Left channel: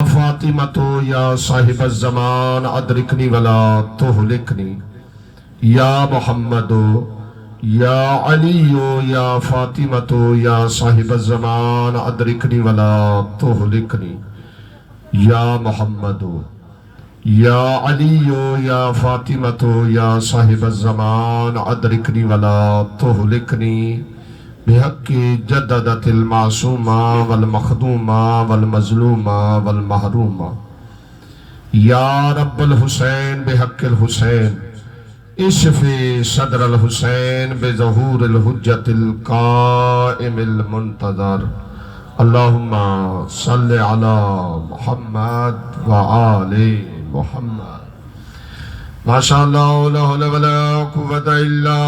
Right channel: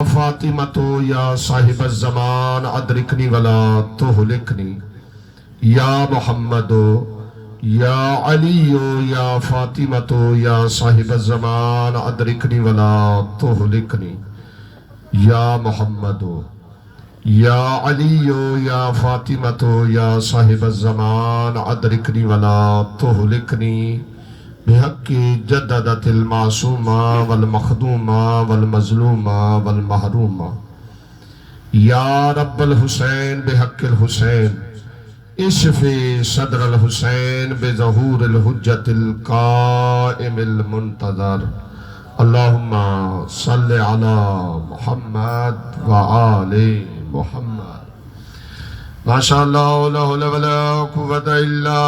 فاطمة یا صاحب الزمان ادرکنی ولا تہلکنی یا محمد یا علی یا فاطمة یا صاحب الزمان ادرکنی ولا تہلکنی یا محمد یا علی یا فاطمة یا صاحب الزمان ادرکنی ولا تہلکنی بحق جددت المعصومہ والمخدومہ والمظلومہ والمحرومہ یا رب الحسین بحق الحسین اشفی صدر الحسین بظہور الحجت القائم المنتظر اللہم صلی علی محمد وآل محمد ماشاءاللہ لا حول ولا قوة الا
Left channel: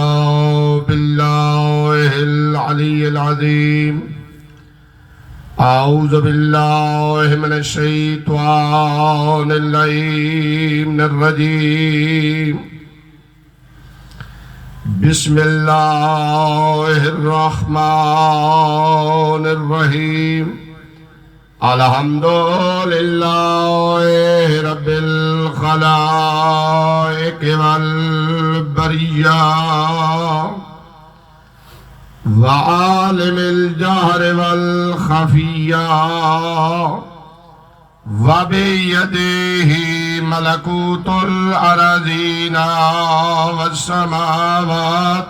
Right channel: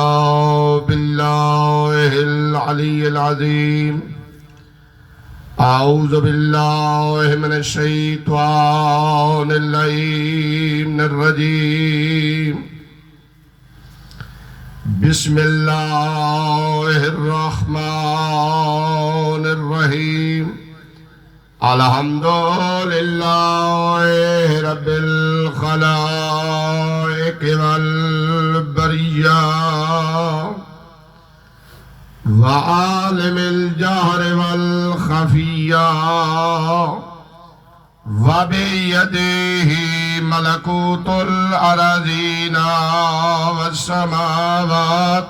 باللہ العلی العظیم اعوذ باللہ من الشیطان اللعین الرجیم بسم اللہ الرحمن الرحیم الحمدللہ رب الخلائق والبریہ وعالم الجہر والخفیہ وبیدہ ملکوت الارضین والسماوات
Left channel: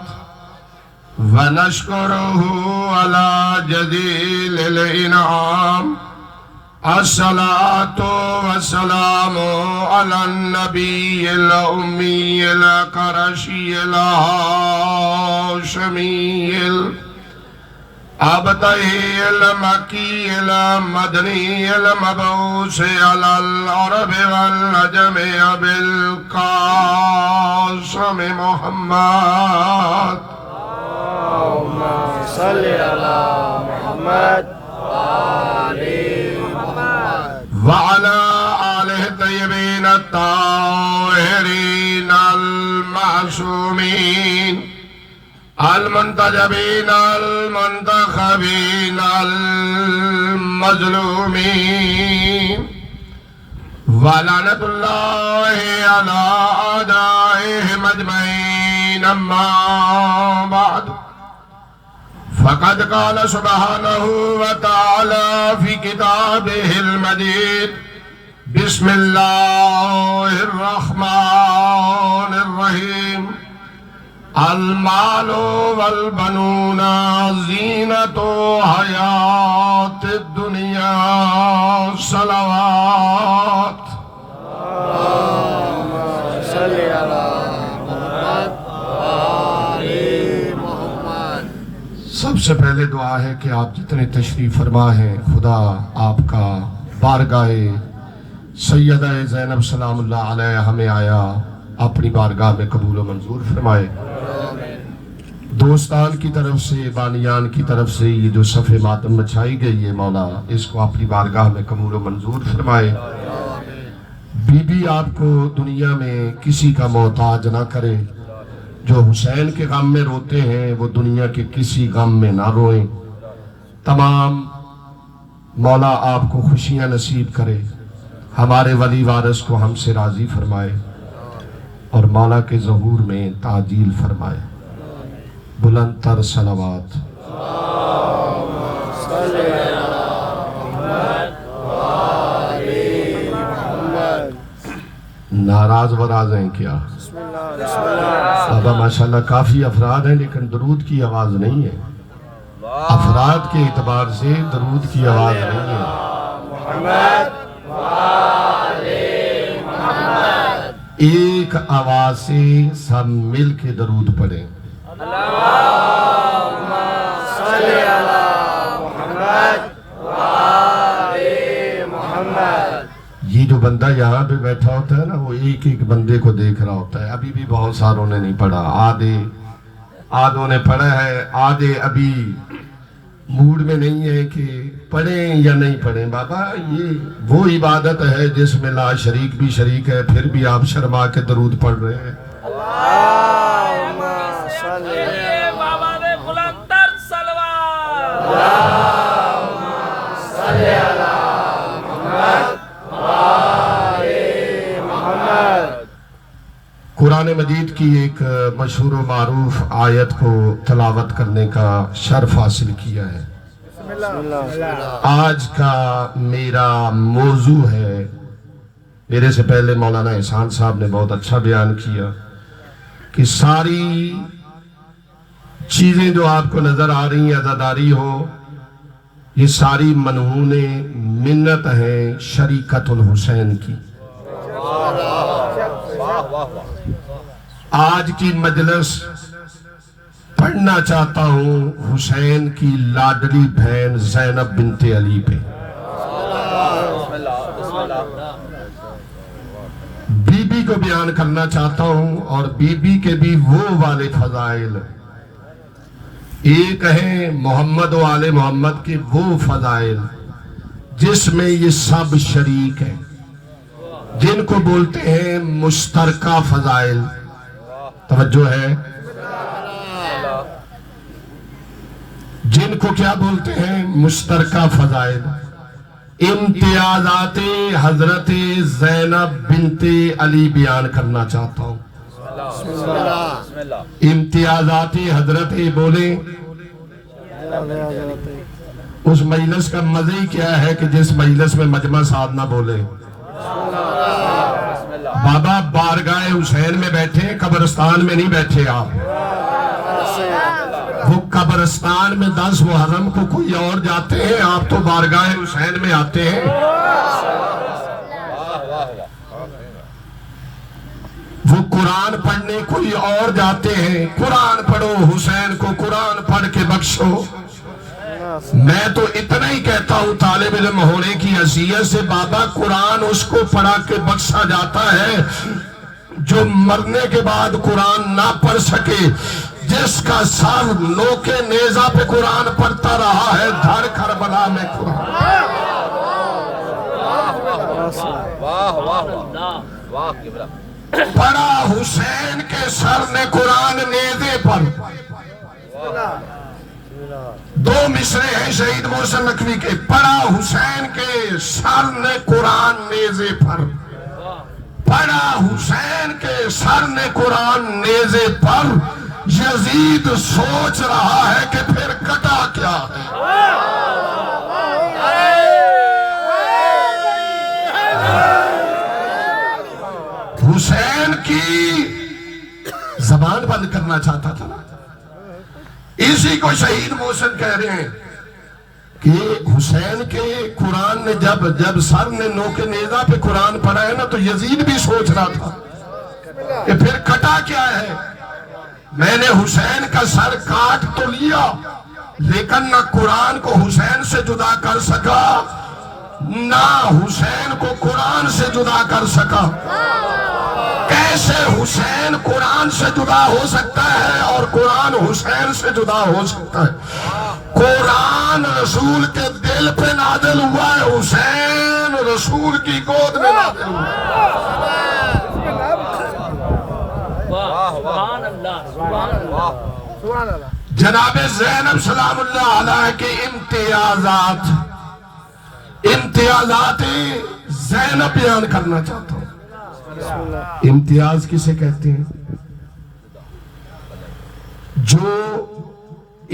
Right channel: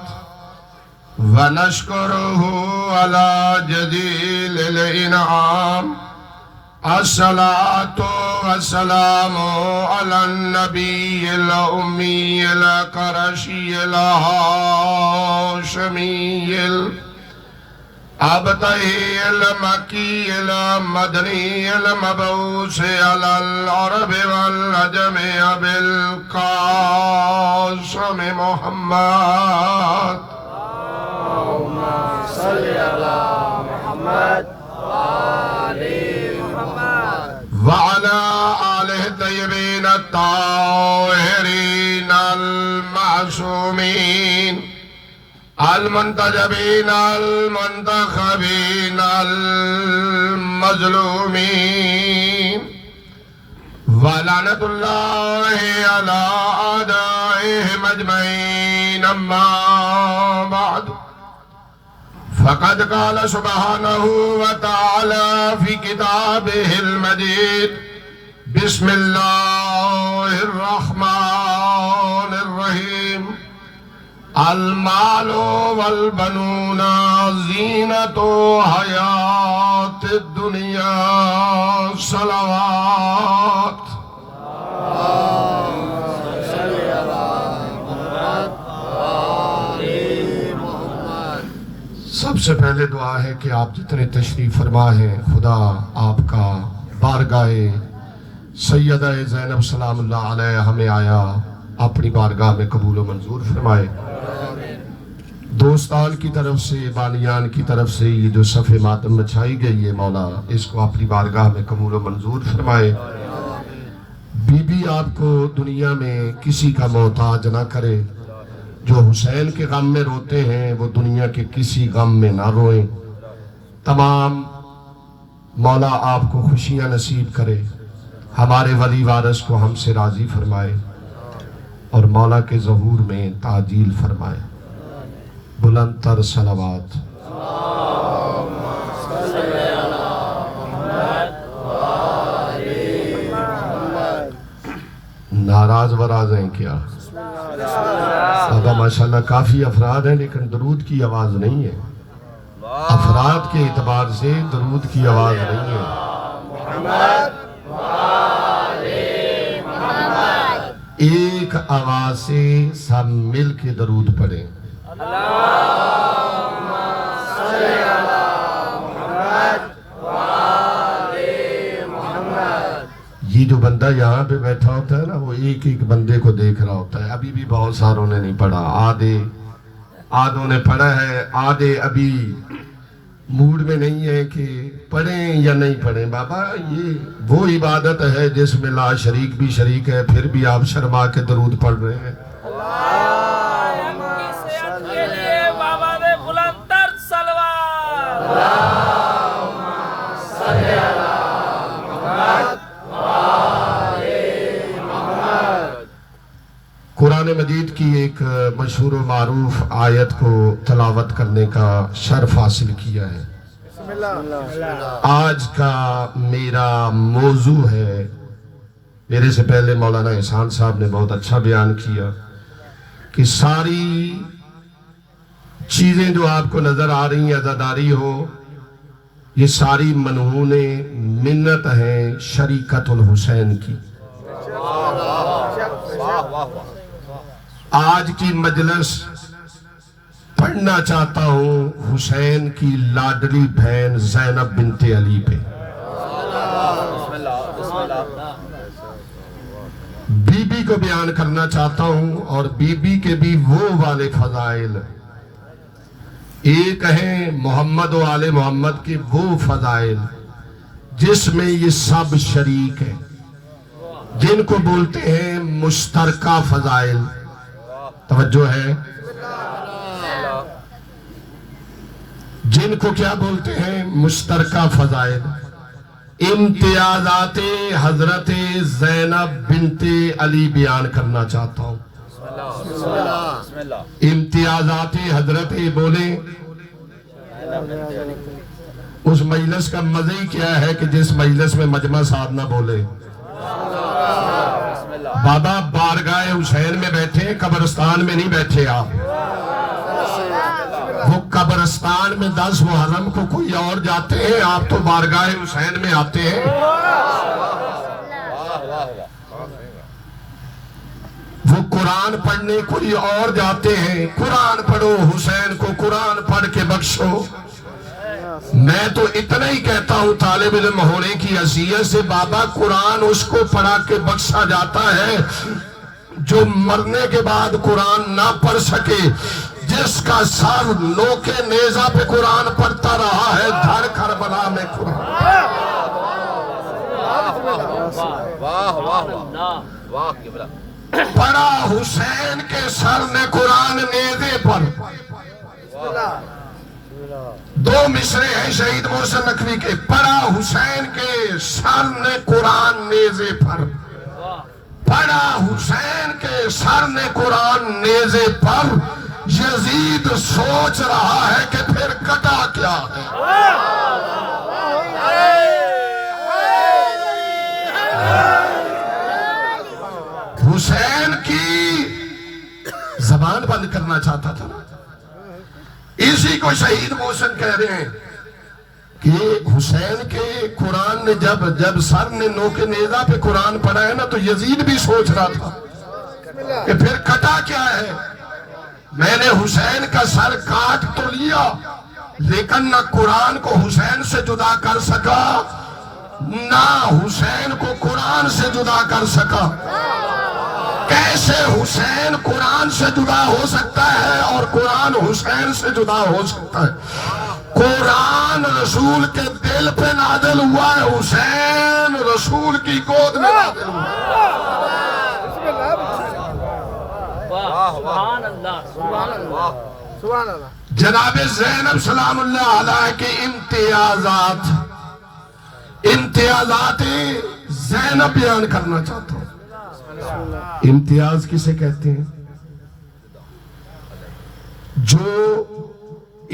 ونشکرہ علی جزیل الانعام الصلاة والسلام على النبي الأمي القرشي الهاشمي الأبطحي المكي المدني المبعوث على العرب والعجم بالقاسم محمد اللهم صل على محمد وعلى آلہ طیبین الطاہرین المعصومین المنتجبین المنتخبین المظلومین ولعنت اللہ علی اعدائہم اجمعین اما بعد فقد قال سبحانه وتعالى في كتابه المجيد بسم الله الرحمن الرحيم المال والبنون زينة حياة الدنيا صلوات سب سے پہلے دعا ہے کہ آپ جتنے تشریف فرما ہیں خدا آپ کا بارگاہ سیدہ زینب سلام اللہ علیہ ہمیں آیا اپنی بارگاہ میں قبول و منظور فرمائے دوستان کی طرف سے بانیان کی طرف سے یہ جو صف ماتم مچھائی گئی ہے مولا اس کو اپنی بارگاہ میں قبول و منظور فرمائے بی بی آپ کو دنیا میں کسی کا محتاج نہ کرے جو حسین کے غم میں روتے ہیں وہ دنیا کے کسی غم میں نہ روئیں تمام مولا آپ کو خوشیاں نصیب کرے ہمارے ولی وارث کو ہم سے راضی فرمائے اور مولا کے ظہور میں تعجیل فرمائے بلند تر صلوات ناراض وراز ہیں کیا بابا ماشاءاللہ کافی افراد ہیں لیکن درود کی آواز نہیں ہے افراد کے اعتبار سے درود کی آواز نہیں ہے ایک آواز سے سب مل کے درود پڑھیں یہ جو بندہ یہاں پہ بیٹھا ہوتا ہے نا وہ ایک ایک بندے کو دیکھ رہا ہوتا ہے ابھی بھی بہت ساروں نے نہیں پڑھا آدھوں نے پڑھا ہے آدھے ابھی موڈ میں نہیں ہے کہ پڑھیں یا نہیں پڑھیں بابا یہ وہ عبادت ہے جس میں لا شریک بھی شریک ہے پھر بھی آپ شرما کے درود پڑھ رہے ہیں قرآن مجید کی ایک مشہور و معروف آیت کو تلاوت کرنے کا شرف حاصل کیا ہے۔ آج کا میرا موضوع ہے، میرے سے پہلے مولانا احسان صاحب نے بہت اچھا بیان کیا کہ ساری چیزیں جو آپ کو نظر آ رہی ہیں عزاداری ہو، یہ ساری منہون منت ہیں شریکت الحسین کی۔ آج کی مجلس پڑھنا چاہتا ہوں حسین کی لاڈلی بہن زینب بنت علی پہ۔ بی بی کو بیان کرنا چاہتا ہوں اور بی بی کے بھی وہ والے فضائل، ایک ہیں محمد و آل محمد کے وہ فضائل جس میں یہ سب شریک ہیں، جن کو بولتے ہیں مشترکہ فضائل۔ توجہ ہے، جن کو کیا بولتے ہیں؟ مشترکہ فضائل۔ امتیازات حضرت زینب بنت علی بیان کرنا چاہتا ہوں۔ امتیازات حضرت بولے، اس مجلس کا مزہ ہی کیا ہے کہ جس مجلس میں مجمع صاحب نہ بولے۔ بابا بارگاہ حسین میں بیٹھے، قبرستان میں نہیں بیٹھے آپ۔ وہ قبرستان میں 10 محرم کو کوئی اور جاتے ہیں، آپ تو بارگاہ حسین میں آتے ہیں۔ وہ قرآن پڑھنے کوئی اور جاتے ہیں، قرآن پڑھو، حسین کو قرآن پڑھ کے بخشو۔ میں تو اتنا ہی کہتا ہوں طالب علم ہونے کی حیثیت سے، بابا قرآن اس کو پڑھا کے بخشا جاتا ہے جو مرنے کے بعد قرآن نہ پڑھ سکے، جس کا سر نوکے نیزہ پہ قرآن پڑھتا رہا ہے، دھڑ کربلا میں قرآن۔ پڑھا حسین کے سر نے قرآن نیزے پر۔ 2 مصرے ہیں شہید محسن نقوی کے، پڑھا حسین کے سر نے قرآن نیزے پر، پڑھا حسین کے سر نے قرآن نیزے پر۔ یزید سوچ رہا ہے کہ پھر کٹا کیا ہے۔ حسین کی زبان بند کرنا چاہتا تھا، اسی کو شہید محسن کہہ رہے ہیں کہ حسین کے قرآن نے جب سر نے نوکے نیزہ پہ قرآن پڑھا ہے نا، تو یزید بھی سوچ رہا تھا کہ پھر کٹا کیا ہے۔ میں نے حسین کا سر کاٹ تو لیا، لیکن نہ قرآن کو حسین سے جدا کر سکا، نہ حسین کو قرآن سے جدا کر سکا۔ کیسے حسین قرآن سے جدا ہو سکتا ہے اور قرآن حسین سے جدا ہو سکتا ہے؟ قرآن رسول کے دل پہ نازل ہوا ہے، حسین رسول کی گود میں نازل ہوا ہے۔ جناب زینب سلام اللہ علیہ کے امتیازات زینب بیان کرنا چاہتا ہوں۔ امتیاز کسے کہتے ہیں؟ جو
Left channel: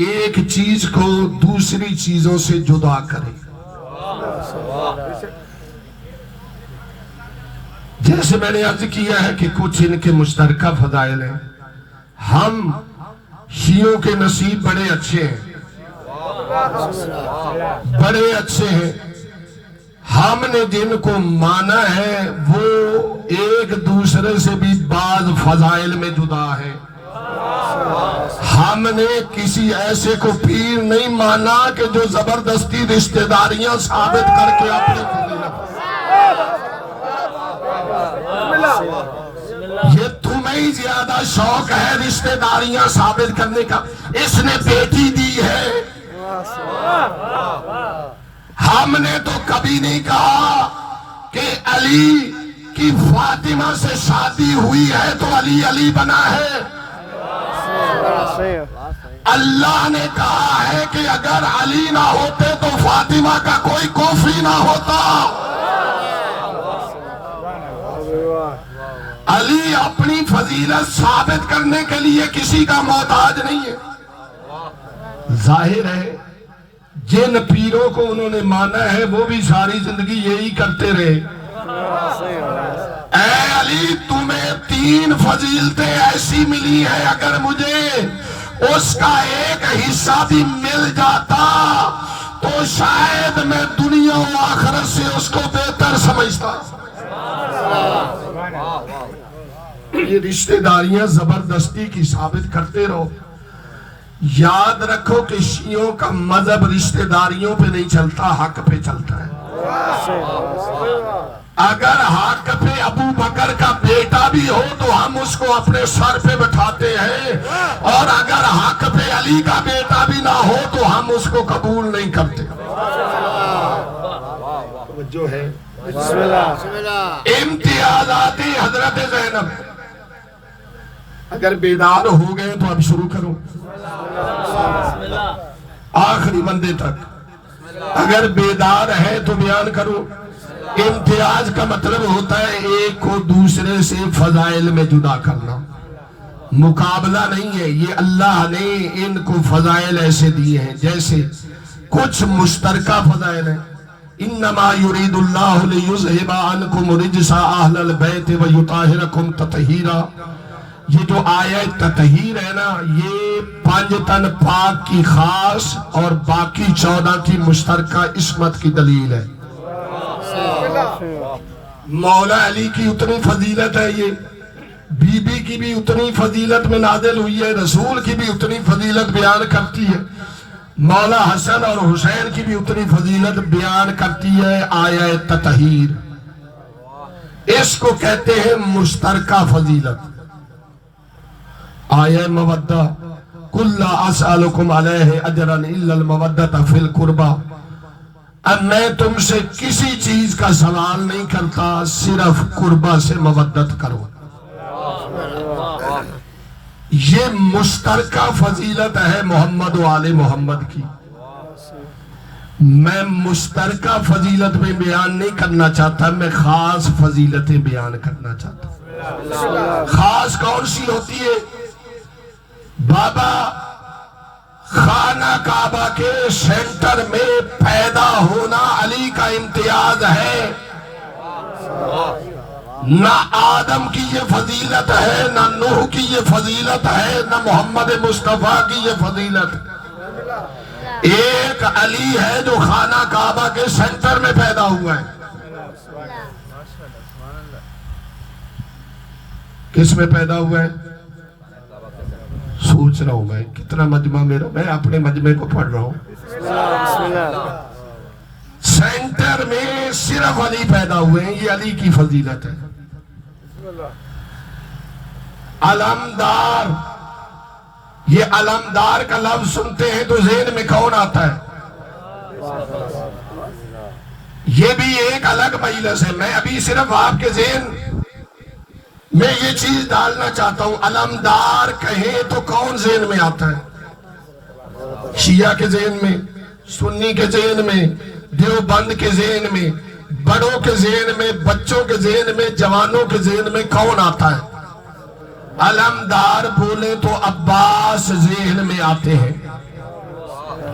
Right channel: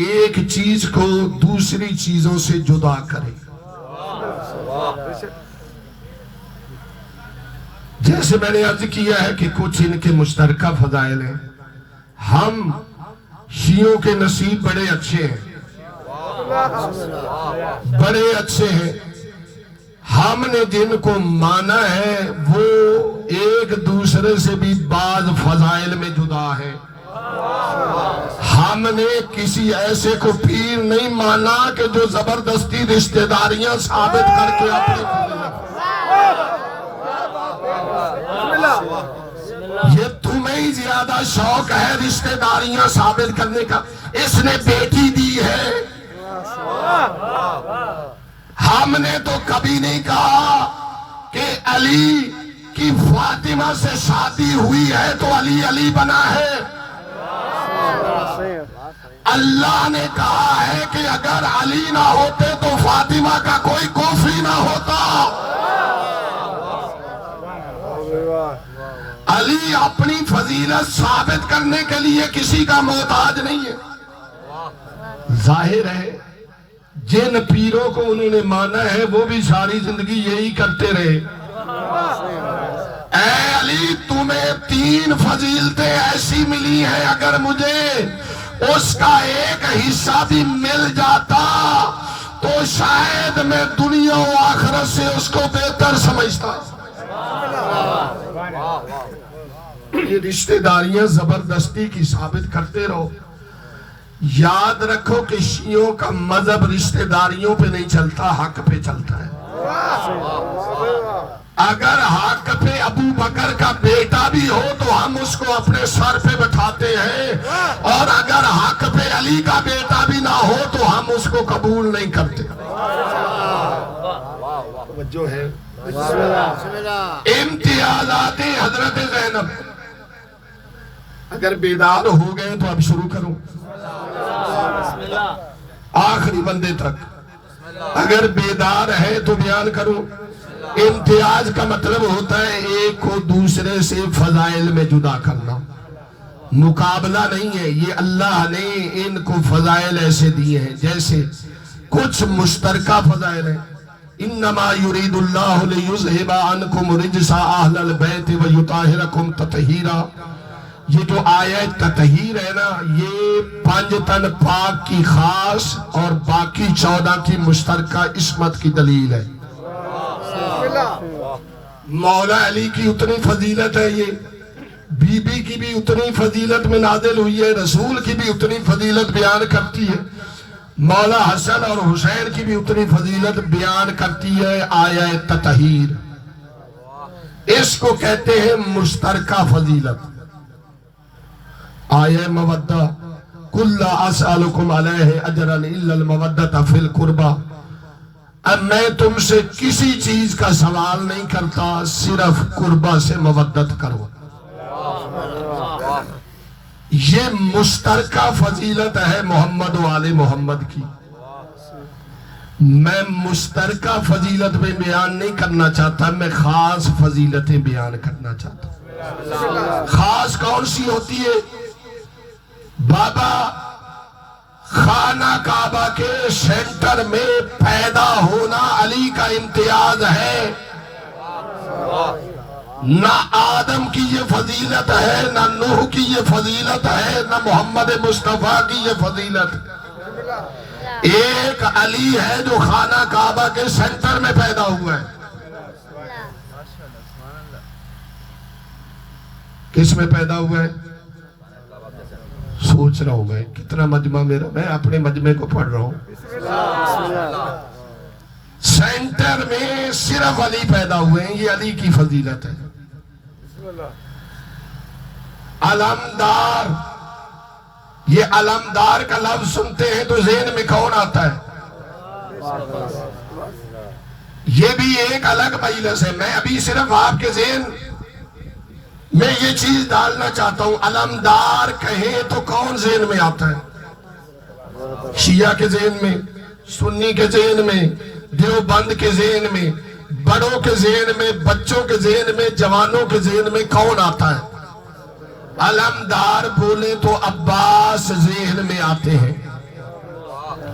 ایک چیز کو دوسری چیزوں سے جدا کرے۔ جیسے میں نے عرض کیا ہے کہ کچھ ان کے مشترکہ فضائل ہیں۔ ہم شیعوں کے نصیب بڑے اچھے ہیں، بڑے اچھے ہیں۔ ہم نے جن کو مانا ہے وہ ایک دوسرے سے بھی بعض فضائل میں جدا ہے۔ ہم نے کسی ایسے کو پیر نہیں مانا کہ جو زبردستی رشتہ داریاں ثابت کر کے اپنے یہ تمہیں ہی زیادہ شوق ہے رشتہ داریاں ثابت کرنے کا۔ اس نے بیٹی دی ہے، ہم نے تو کبھی نہیں کہا کہ علی کی فاطمہ سے شادی ہوئی ہے تو علی علی بنا ہے۔ اللہ نے کہا ہے کہ اگر علی نہ ہوتے تو فاطمہ کا کوئی کوفی نہ ہوتا۔ علی اپنی فضیلت ثابت کرنے کے لیے کسی کا محتاج نہیں ہے. ظاہر ہے جن پیروں کو انہوں نے مانا ہے وہ بھی ساری زندگی یہی کرتے رہے. اے علی تمہیں 3 فضیلتیں ایسی ملی ہیں، اگر مجھے اس کا ایک حصہ بھی مل جاتا تو شاید میں دنیا و آخرت سے اس کو بہتر سمجھتا. یہ رشتہ داریاں زبردستی کی ثابت کرتے رہو. یاد رکھو کہ شیعوں کا مذہب رشتہ داریوں پہ نہیں چلتا، حق پہ چلتا ہے. اگر حق پہ ابو بکر کا بیٹا بھی ہو تو ہم اس کو اپنے سر پہ بٹھاتے ہیں، اور اگر حق پہ علی کا بیٹا بھی نہ ہو تو ہم اس کو قبول نہیں کرتے. توجہ ہے. امتیازات حضرت زینب. اگر بیدار ہو گئے تو اب شروع کرو آخری بندے تک. اگر بیدار ہے تو بیان کرو. امتیاز کا مطلب ہوتا ہے ایک کو دوسرے سے فضائل میں جدا کرنا. مقابلہ نہیں ہے، یہ اللہ نے ان کو فضائل ایسے دیے ہیں جیسے کچھ مشترکہ فضائل ہیں. انما یرید اللہ لیذھب عنکم رجس اہل البیت ویطہرکم تطہیرا. یہ جو آیت تطہیر ہے نا، یہ 5 تن پاک کی خاص اور باقی 14 کی مشترکہ عصمت کی دلیل ہے. مولا علی کی اتنی فضیلت ہے، یہ بی بی کی بھی اتنی فضیلت میں نازل ہوئی ہے، رسول کی بھی اتنی فضیلت بیان کرتی ہے، مولا حسن اور حسین کی بھی اتنی فضیلت بیان کرتی ہے آیت تطہیر. اس کو کہتے ہیں مشترکہ فضیلت. آیہ مودہ قل لا اسألکم علیہ اجرا الا المودۃ فی القربى. اب میں تم سے کسی چیز کا سوال نہیں کرتا، صرف قربہ سے مودت کرو. یہ مشترکہ فضیلت ہے محمد و آل محمد کی. میں مشترکہ فضیلت میں بیان نہیں کرنا چاہتا، میں خاص فضیلتیں بیان کرنا چاہتا ہوں. خاص کون سی ہوتی ہے؟ بابا خانہ کعبہ کے سینٹر میں پیدا ہونا علی کا امتیاز ہے. نہ آدم کی یہ فضیلت ہے، نہ نوح کی یہ فضیلت ہے، نہ محمد مصطفیٰ کی یہ فضیلت. ایک علی ہے جو خانہ کعبہ کے سینٹر میں پیدا ہوا ہے. کس میں پیدا ہوا ہے؟ سوچ رہا ہوں میں کتنا مجمع میرا، میں اپنے مجمع کو پڑھ رہا ہوں. سینٹر میں صرف علی پیدا ہوئے ہیں، یہ علی کی فضیلت ہے. علمدار، یہ علمدار کا لفظ سنتے ہیں تو ذہن میں کون آتا ہے؟ یہ بھی ایک الگ مجلس ہے. میں ابھی صرف آپ کے ذہن میں یہ چیز ڈالنا چاہتا ہوں. علمدار کہیں تو کون ذہن میں آتا ہے؟ شیعہ کے ذہن میں، سنی کے ذہن میں، دیوبند کے ذہن میں، بڑوں کے ذہن میں، بچوں کے ذہن میں، جوانوں کے ذہن میں کون آتا ہے؟ علمدار بولے تو عباس ذہن میں آتے ہیں.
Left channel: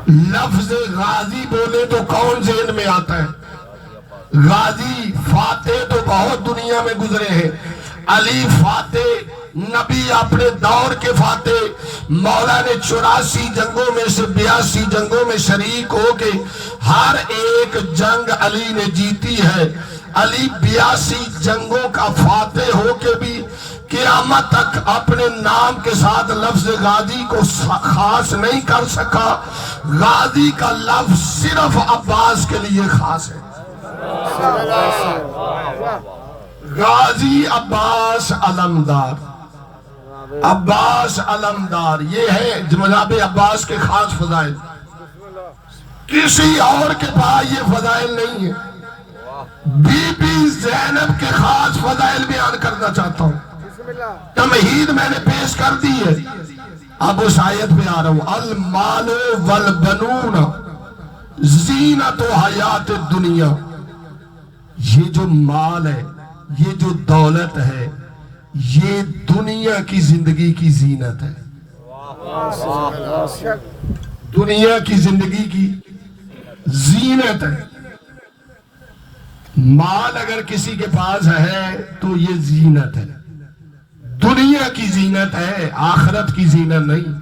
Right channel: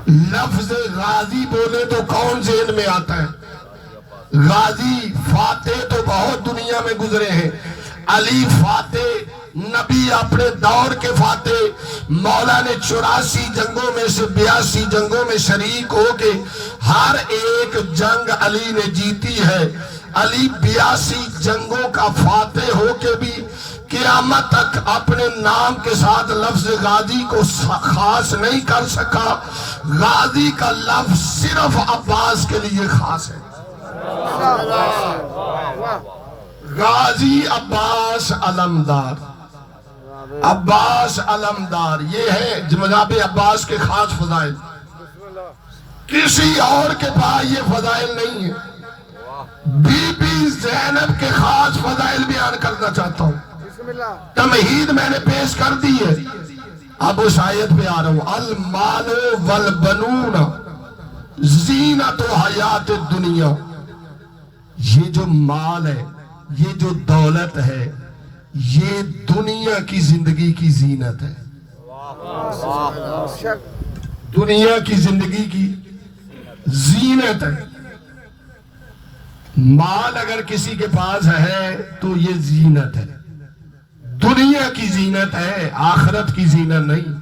لفظ غازی بولے تو کون ذہن میں آتا ہے؟ غازی. فاتح تو بہت دنیا میں گزرے ہیں. علی فاتح، نبی اپنے دور کے فاتح. مولا نے 84 جنگوں میں سے 82 جنگوں میں شریک ہو کے ہر ایک جنگ علی نے جیتی ہے. علی 82 جنگوں کا فاتح ہو کے بھی قیامت تک اپنے نام کے ساتھ لفظ غازی کو خاص نہیں کر سکا. غازی کا لفظ صرف عباس کے لیے خاص ہے. غازی عباس علمدار. عباس علمدار یہ ہے جناب عباس کے خاص فضائل. کسی اور کے پاس یہ فضائل نہیں ہے. بی بی زینب کے خاص فضائل بیان کرنا چاہتا ہوں. تمہید میں نے پیش کر دی ہے، اب اس آیت پہ آ رہا ہوں. المال والبنون زینت حیات الدنیا. یہ جو مال ہے، یہ جو دولت ہے، یہ دنیا کی زندگی کی زینت ہے. دنیا کی زندگی کی زینت ہے. مال اگر کسی کے پاس ہے تو یہ زینت ہے. دنیا کی زینت ہے، آخرت کی زینت نہیں.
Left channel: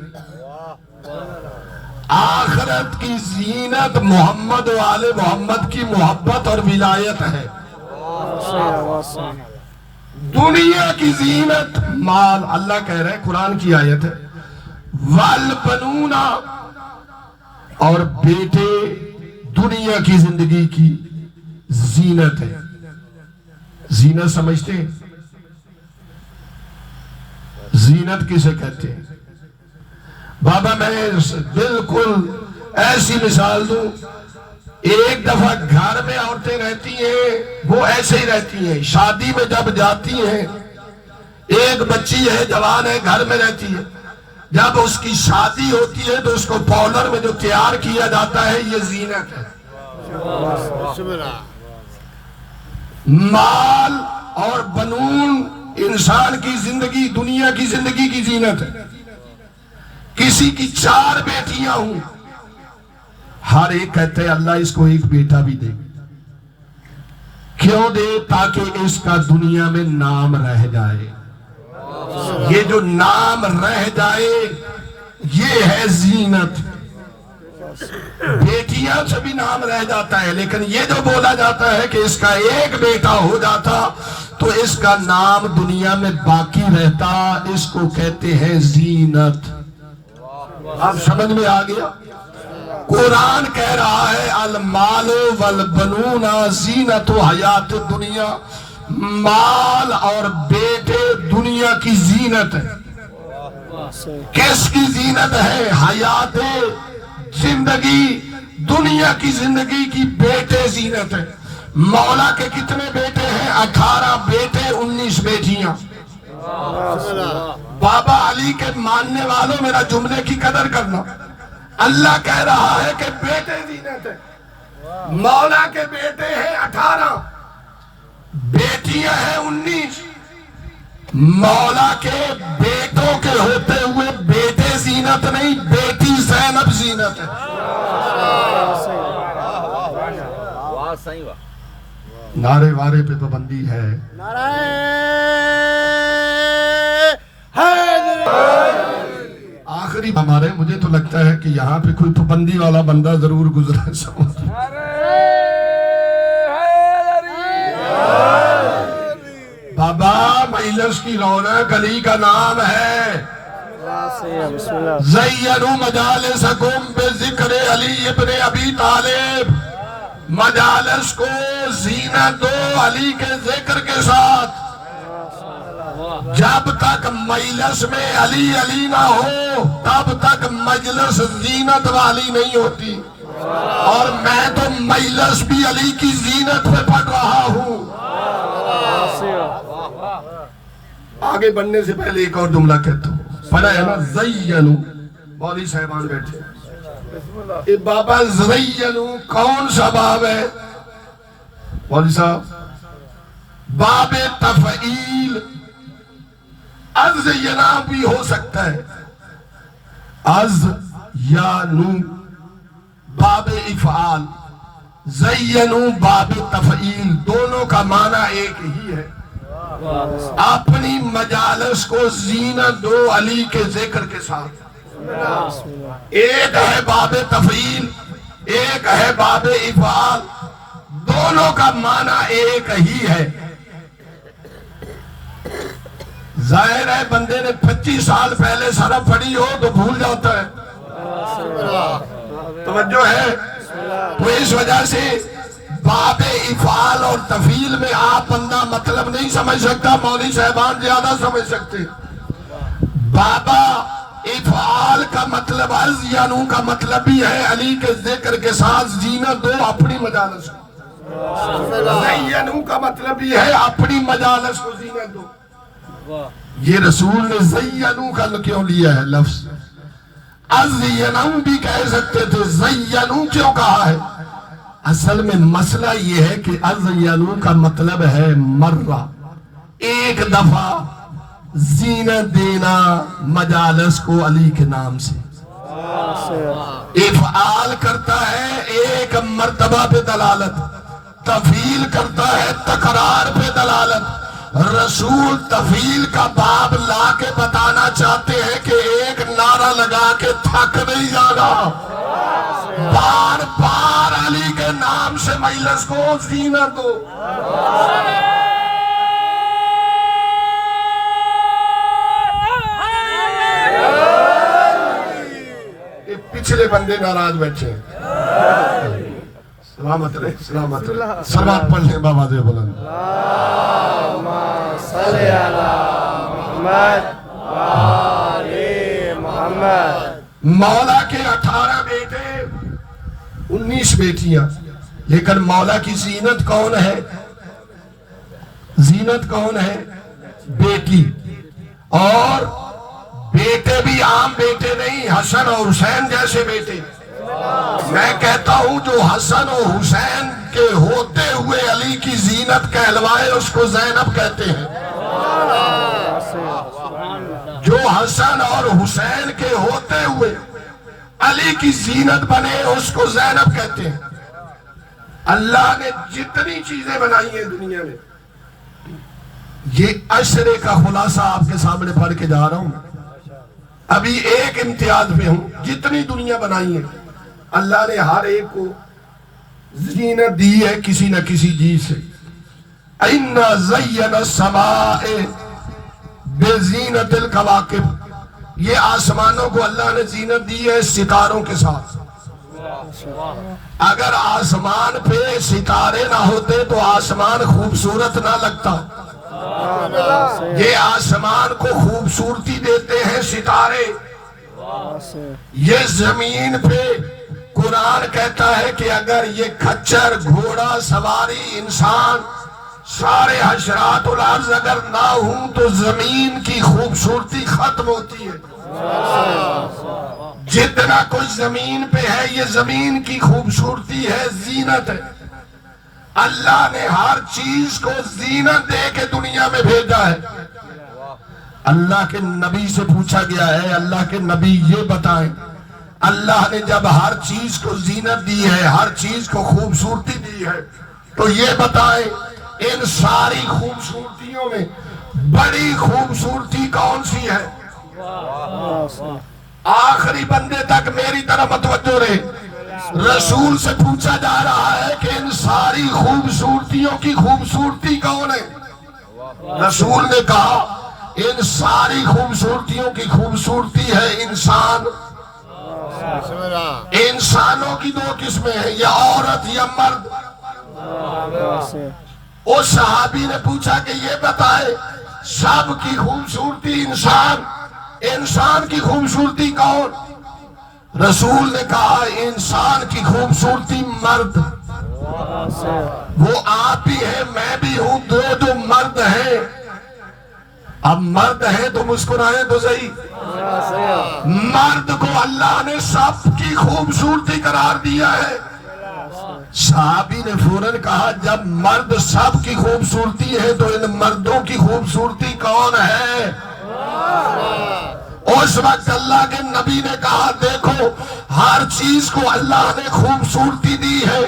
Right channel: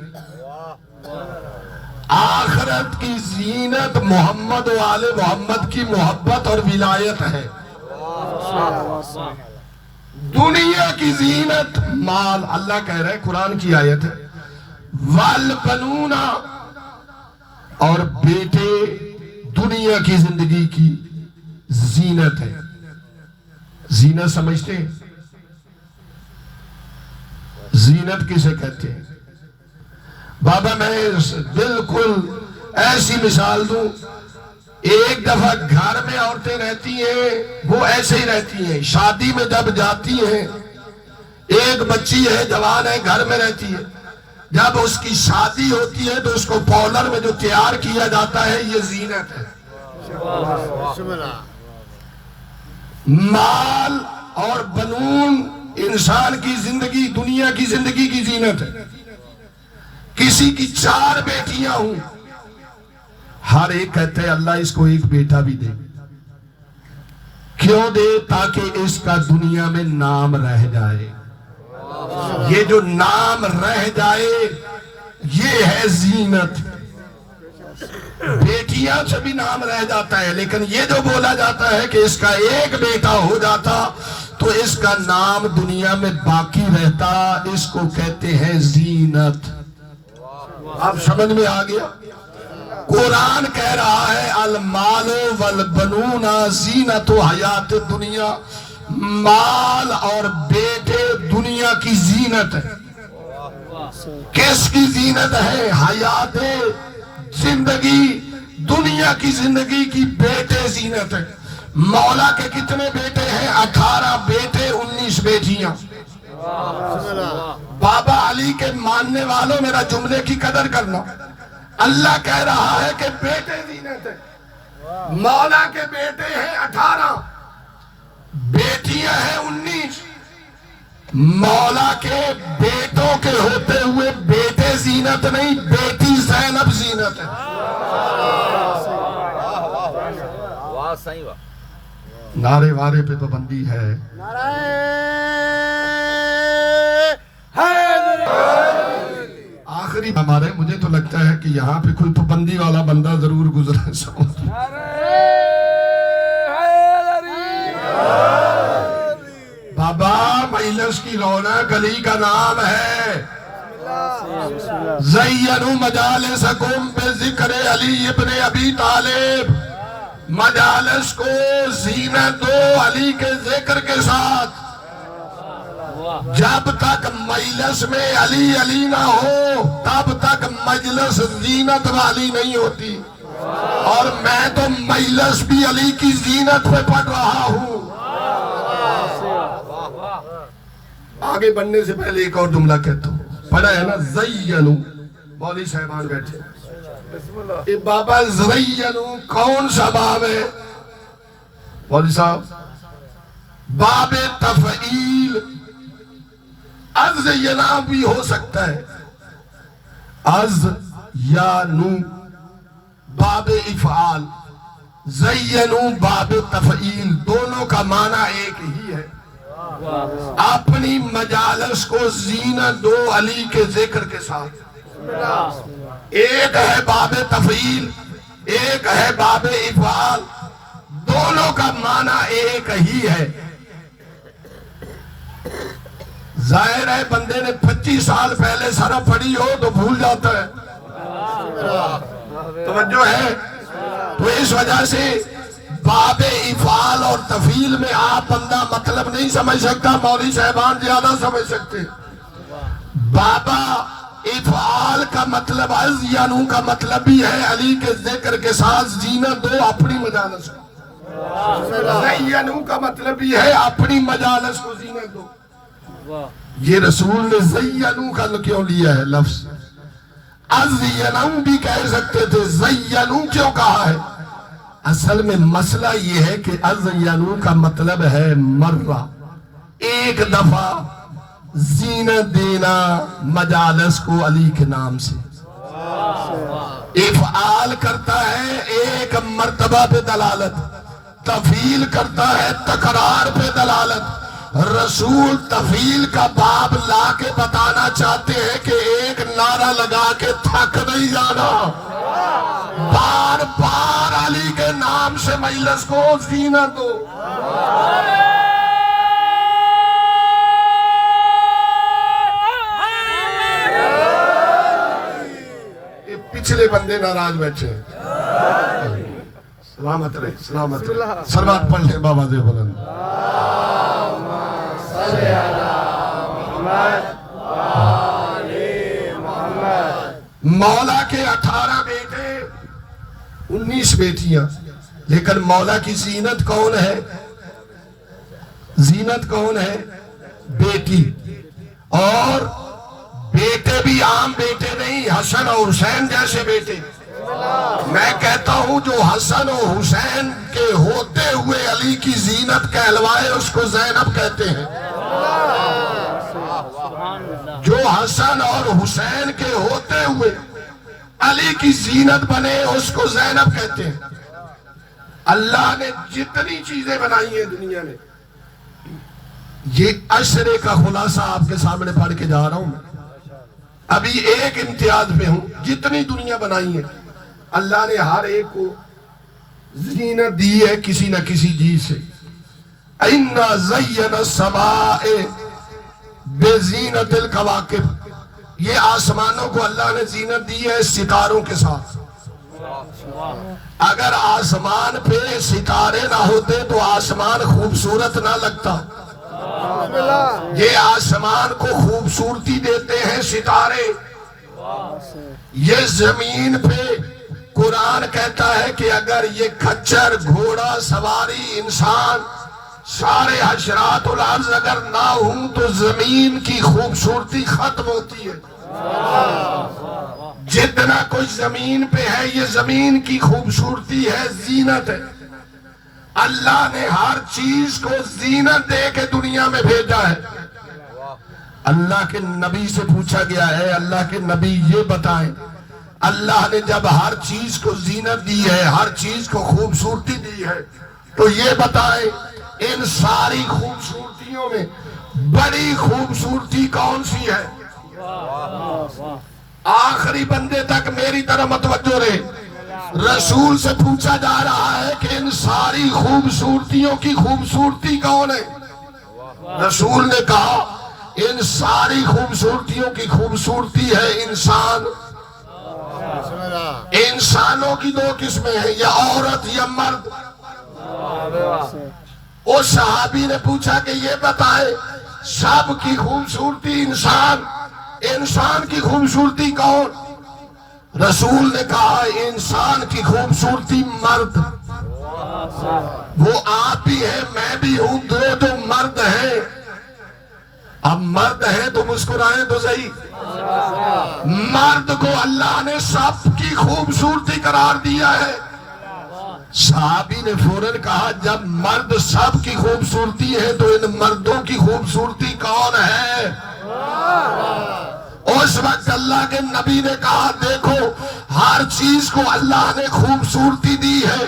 آخرت کی زینت محمد و آل محمد کی محبت اور ولایت ہے. دنیا کی زینت مال. اللہ کہہ رہے قرآن کی آیت ہے والبنون، اور بیٹے دنیا کی زندگی کی زینت ہے. زینت سمجھتے ہیں؟ زینت کسے کہتے ہیں؟ بابا میں بالکل ایسی مثال دوں. ایک دفعہ گھر میں عورتیں رہتی ہیں، وہ ایسے ہی رہتی ہیں. شادی میں جب جاتی ہیں، ایک بچی ہے جوان ہے گھر میں رہتی ہے، جب اس کی شادی ہوتی ہے تو اس کو پارلر میں جو تیار کیا جاتا ہے یہ زینت ہے. مال اور بنون انسان کی زندگی، دنیا کی زندگی کی زینت ہے. کسی کی 4 بیٹیاں ہوں، ہر ایک کہتے ہیں اللہ اس کو ایک بیٹا بھی دے. کیوں دے؟ تاکہ اس کا دنیا میں نام رہ جائے. یہ جو نام رہ جائے یہ ہے زینت. بیٹیاں سے بھی نام رہ جاتا ہے، لیکن یہ جو بولا جاتا ہے کہ اس کا ایک بیٹا ہو جاتا تو اس کا نام دنیا میں باقی رہتا. اس کو کہتے ہیں زینت. اب سمجھ میں آ گیا؟ قرآن کہہ رہا ہے المال والبنون زینت حیات دنیا. مال اور بیٹے دنیا کی زینت ہے. کس کی زینت ہے؟ حیات زندگی، دنیا کی زندگی کی بیٹے زینت ہے. مولا کے کتنے بیٹے ہیں؟ 18 بیٹے 19 بیٹیاں. بابا علی کے ماننے والوں میرا جملے کی قدر کرنا. اللہ کہہ رہا ہے کہ بیٹے زینت ہے. مولا کے بیٹے ہیں 18، بیٹیاں ہیں 19. مولا کے بیٹوں کے ہوتے ہوئے بیٹے زینت نہیں، بیٹی زینب زینت ہے. نعرے وارے پہ پابندی ہے. آخری ہمارے مجھے تو لگتا ہے کہ یہاں پہ کوئی پابندی والا بندہ ضرور گزرا. بابا مجلس کی رونق علی کا نام ہے. زینوا مجالسکم بذکر علی ابن ابی طالب. مجالس کو زینت دو علی کے ذکر کے ساتھ. جب تک مجلس میں علی علی نہ ہو تب تک مجلس زینت والی نہیں ہوتی. اور میں تو مجلس بھی علی کی زینت پہ پڑھ رہا ہوں. آگے بڑھنے سے پہلے ایک اور جملہ کہتا ہوں. پڑھا ہے نا زینو. مولوی صاحبان بیٹھے. بابا زینو کون سا باب ہے مولوی صاحب؟ باب تفعیل. از ینا بھی ہو سکتا ہے، از یا نو باب افعال. زینو باب تفعیل، دونوں کا معنی ایک ہی ہے. اپنی مجالس کو زینت دو علی کے ذکر کے ساتھ. ایک ہے باب تفعیل، ایک ہے باب افعال. دونوں کا معنی ایک ہی ہے. ظاہر ہے بندے نے 25 سال پہلے سرف پڑھی ہو تو بھول جاتا ہے. توجہ ہے؟ تو اس وجہ سے باب افعال اور تفعیل میں آپ بندہ مطلب نہیں سمجھ سکتا، مولوی صاحبان زیادہ سمجھ سکتے. بابا افعال کا مطلب از یانو کا مطلب بھی ہے علی کے ذکر کے ساتھ زینت دو اپنی مجالس کو. زینو کا مطلب بھی ہے اپنی مجالس کو زینت دو. یہ رسول نے زینو کا کیوں لیا ہے لفظ؟ از ینو بھی کہہ سکتے تھے، زینو کیوں کہا ہے؟ اصل میں مسئلہ یہ ہے کہ از ینو کا مطلب ہے مرہ، ایک دفعہ زینت دینا مجالس کو علی کے نام سے، افعال کرتا ہے ایک مرتبہ پہ دلالت، تفعیل کرتا ہے تکرار پہ دلالت۔ رسول تفعیل کا باب لا کے بتانا چاہتے ہیں کہ ایک نعرہ لگا کے تھک نہیں جانا، بار بار علی کے نام سے مجلس کو زینت دو۔ پچھلے بندے ناراض بیٹھے ہیں، سلامت رہے، سلامت رہے، سلام پڑھ لیں بابا دے بلند۔ مولا کے 18 بیٹے 19 بیٹیاں، لیکن مولا کی زینت کون ہے؟ زینت کون ہے؟ بیٹی۔ اور بیٹے بھی عام بیٹے نہیں، حسن اور حسین جیسے بیٹے۔ میں کہتا ہوں جو حسن اور حسین کے ہوتے ہوئے علی کی زینت کہلوائے اس کو زینب کہتے ہیں، جو حسن اور حسین کے ہوتے ہوئے علی کی زینت بنے اس کو زینب کہتے ہیں۔ اللہ نے جتنی چیزیں بنائی ہیں دنیا میں، یہ عشرے کا خلاصہ آپ کے سامنے پڑھ کے جا رہا ہوں، ابھی ایک امتیاز پہ ہوں، جتنی دنیا بنائی ہے اللہ نے ہر ایک کو زینت دی ہے کسی نہ کسی چیز سے۔ اِنَّا زَيَّنَ السَّمَاءَ بِزِینَةِ الْكَوَاكِبِ، یہ آسمانوں کو اللہ نے زینت دی ہے ستاروں کے ساتھ۔ اگر آسمان پہ ستارے نہ ہوتے تو آسمان خوبصورت نہ لگتا، یہ آسمان کو خوبصورتی دیتے ہیں ستارے۔ یہ زمین پہ قرآن کہتا ہے کہ اگر یہ کھچر، گھوڑا سواری، انسان، سارے حشرات الارض اگر نہ ہوں تو زمین کی خوبصورتی ختم ہوتی ہے۔ جتنا کچھ زمین پہ ہے یہ زمین کی خوبصورتی ہے، زینت ہے۔ اللہ نے ہر چیز کو زینت دے کے دنیا میں بھیجا ہے۔ اللہ کے نبی سے پوچھا گیا ہے، اللہ کے نبی یہ بتائیں، اللہ نے جب ہر چیز کو زینت دی ہے، ہر چیز کو خوبصورتی دی ہے، تو یہ بتائیں ان ساری خوبصورتیوں میں بڑی خوبصورتی کون سی ہے؟ آخری بندے تک میری طرح متوجہ رہے۔ رسول سے پوچھا جا رہا ہے کہ ان ساری خوبصورتیوں کی خوبصورتی کون ہے؟ رسول نے کہا ان ساری خوبصورتیوں کی خوبصورتی ہے انسان۔ انسانوں کی دو قسمیں ہیں، یا عورت یا مرد۔ اس صحابی نے پوچھا کہ یہ بتائے سب کی خوبصورتی انسان، انسان کی خوبصورتی کون؟ رسول نے کہا انسان کی خوبصورتی مرد۔ وہ آپ بھی ہیں میں بھی ہوں، دو جو مرد ہیں۔ اب مرد ہیں تو مسکرائیں تو صحیح۔ مرد کو اللہ نے سب کی خوبصورتی قرار دیا ہے۔ صحابی نے فوراً کہا جب مرد سب کی خوبصورتی ہے تو ان مردوں کی خوبصورتی کون ہے؟ اس وقت اللہ کے نبی نے کہا دیکھو ہر چیز کو اللہ نے خوبصورتی دی ہے،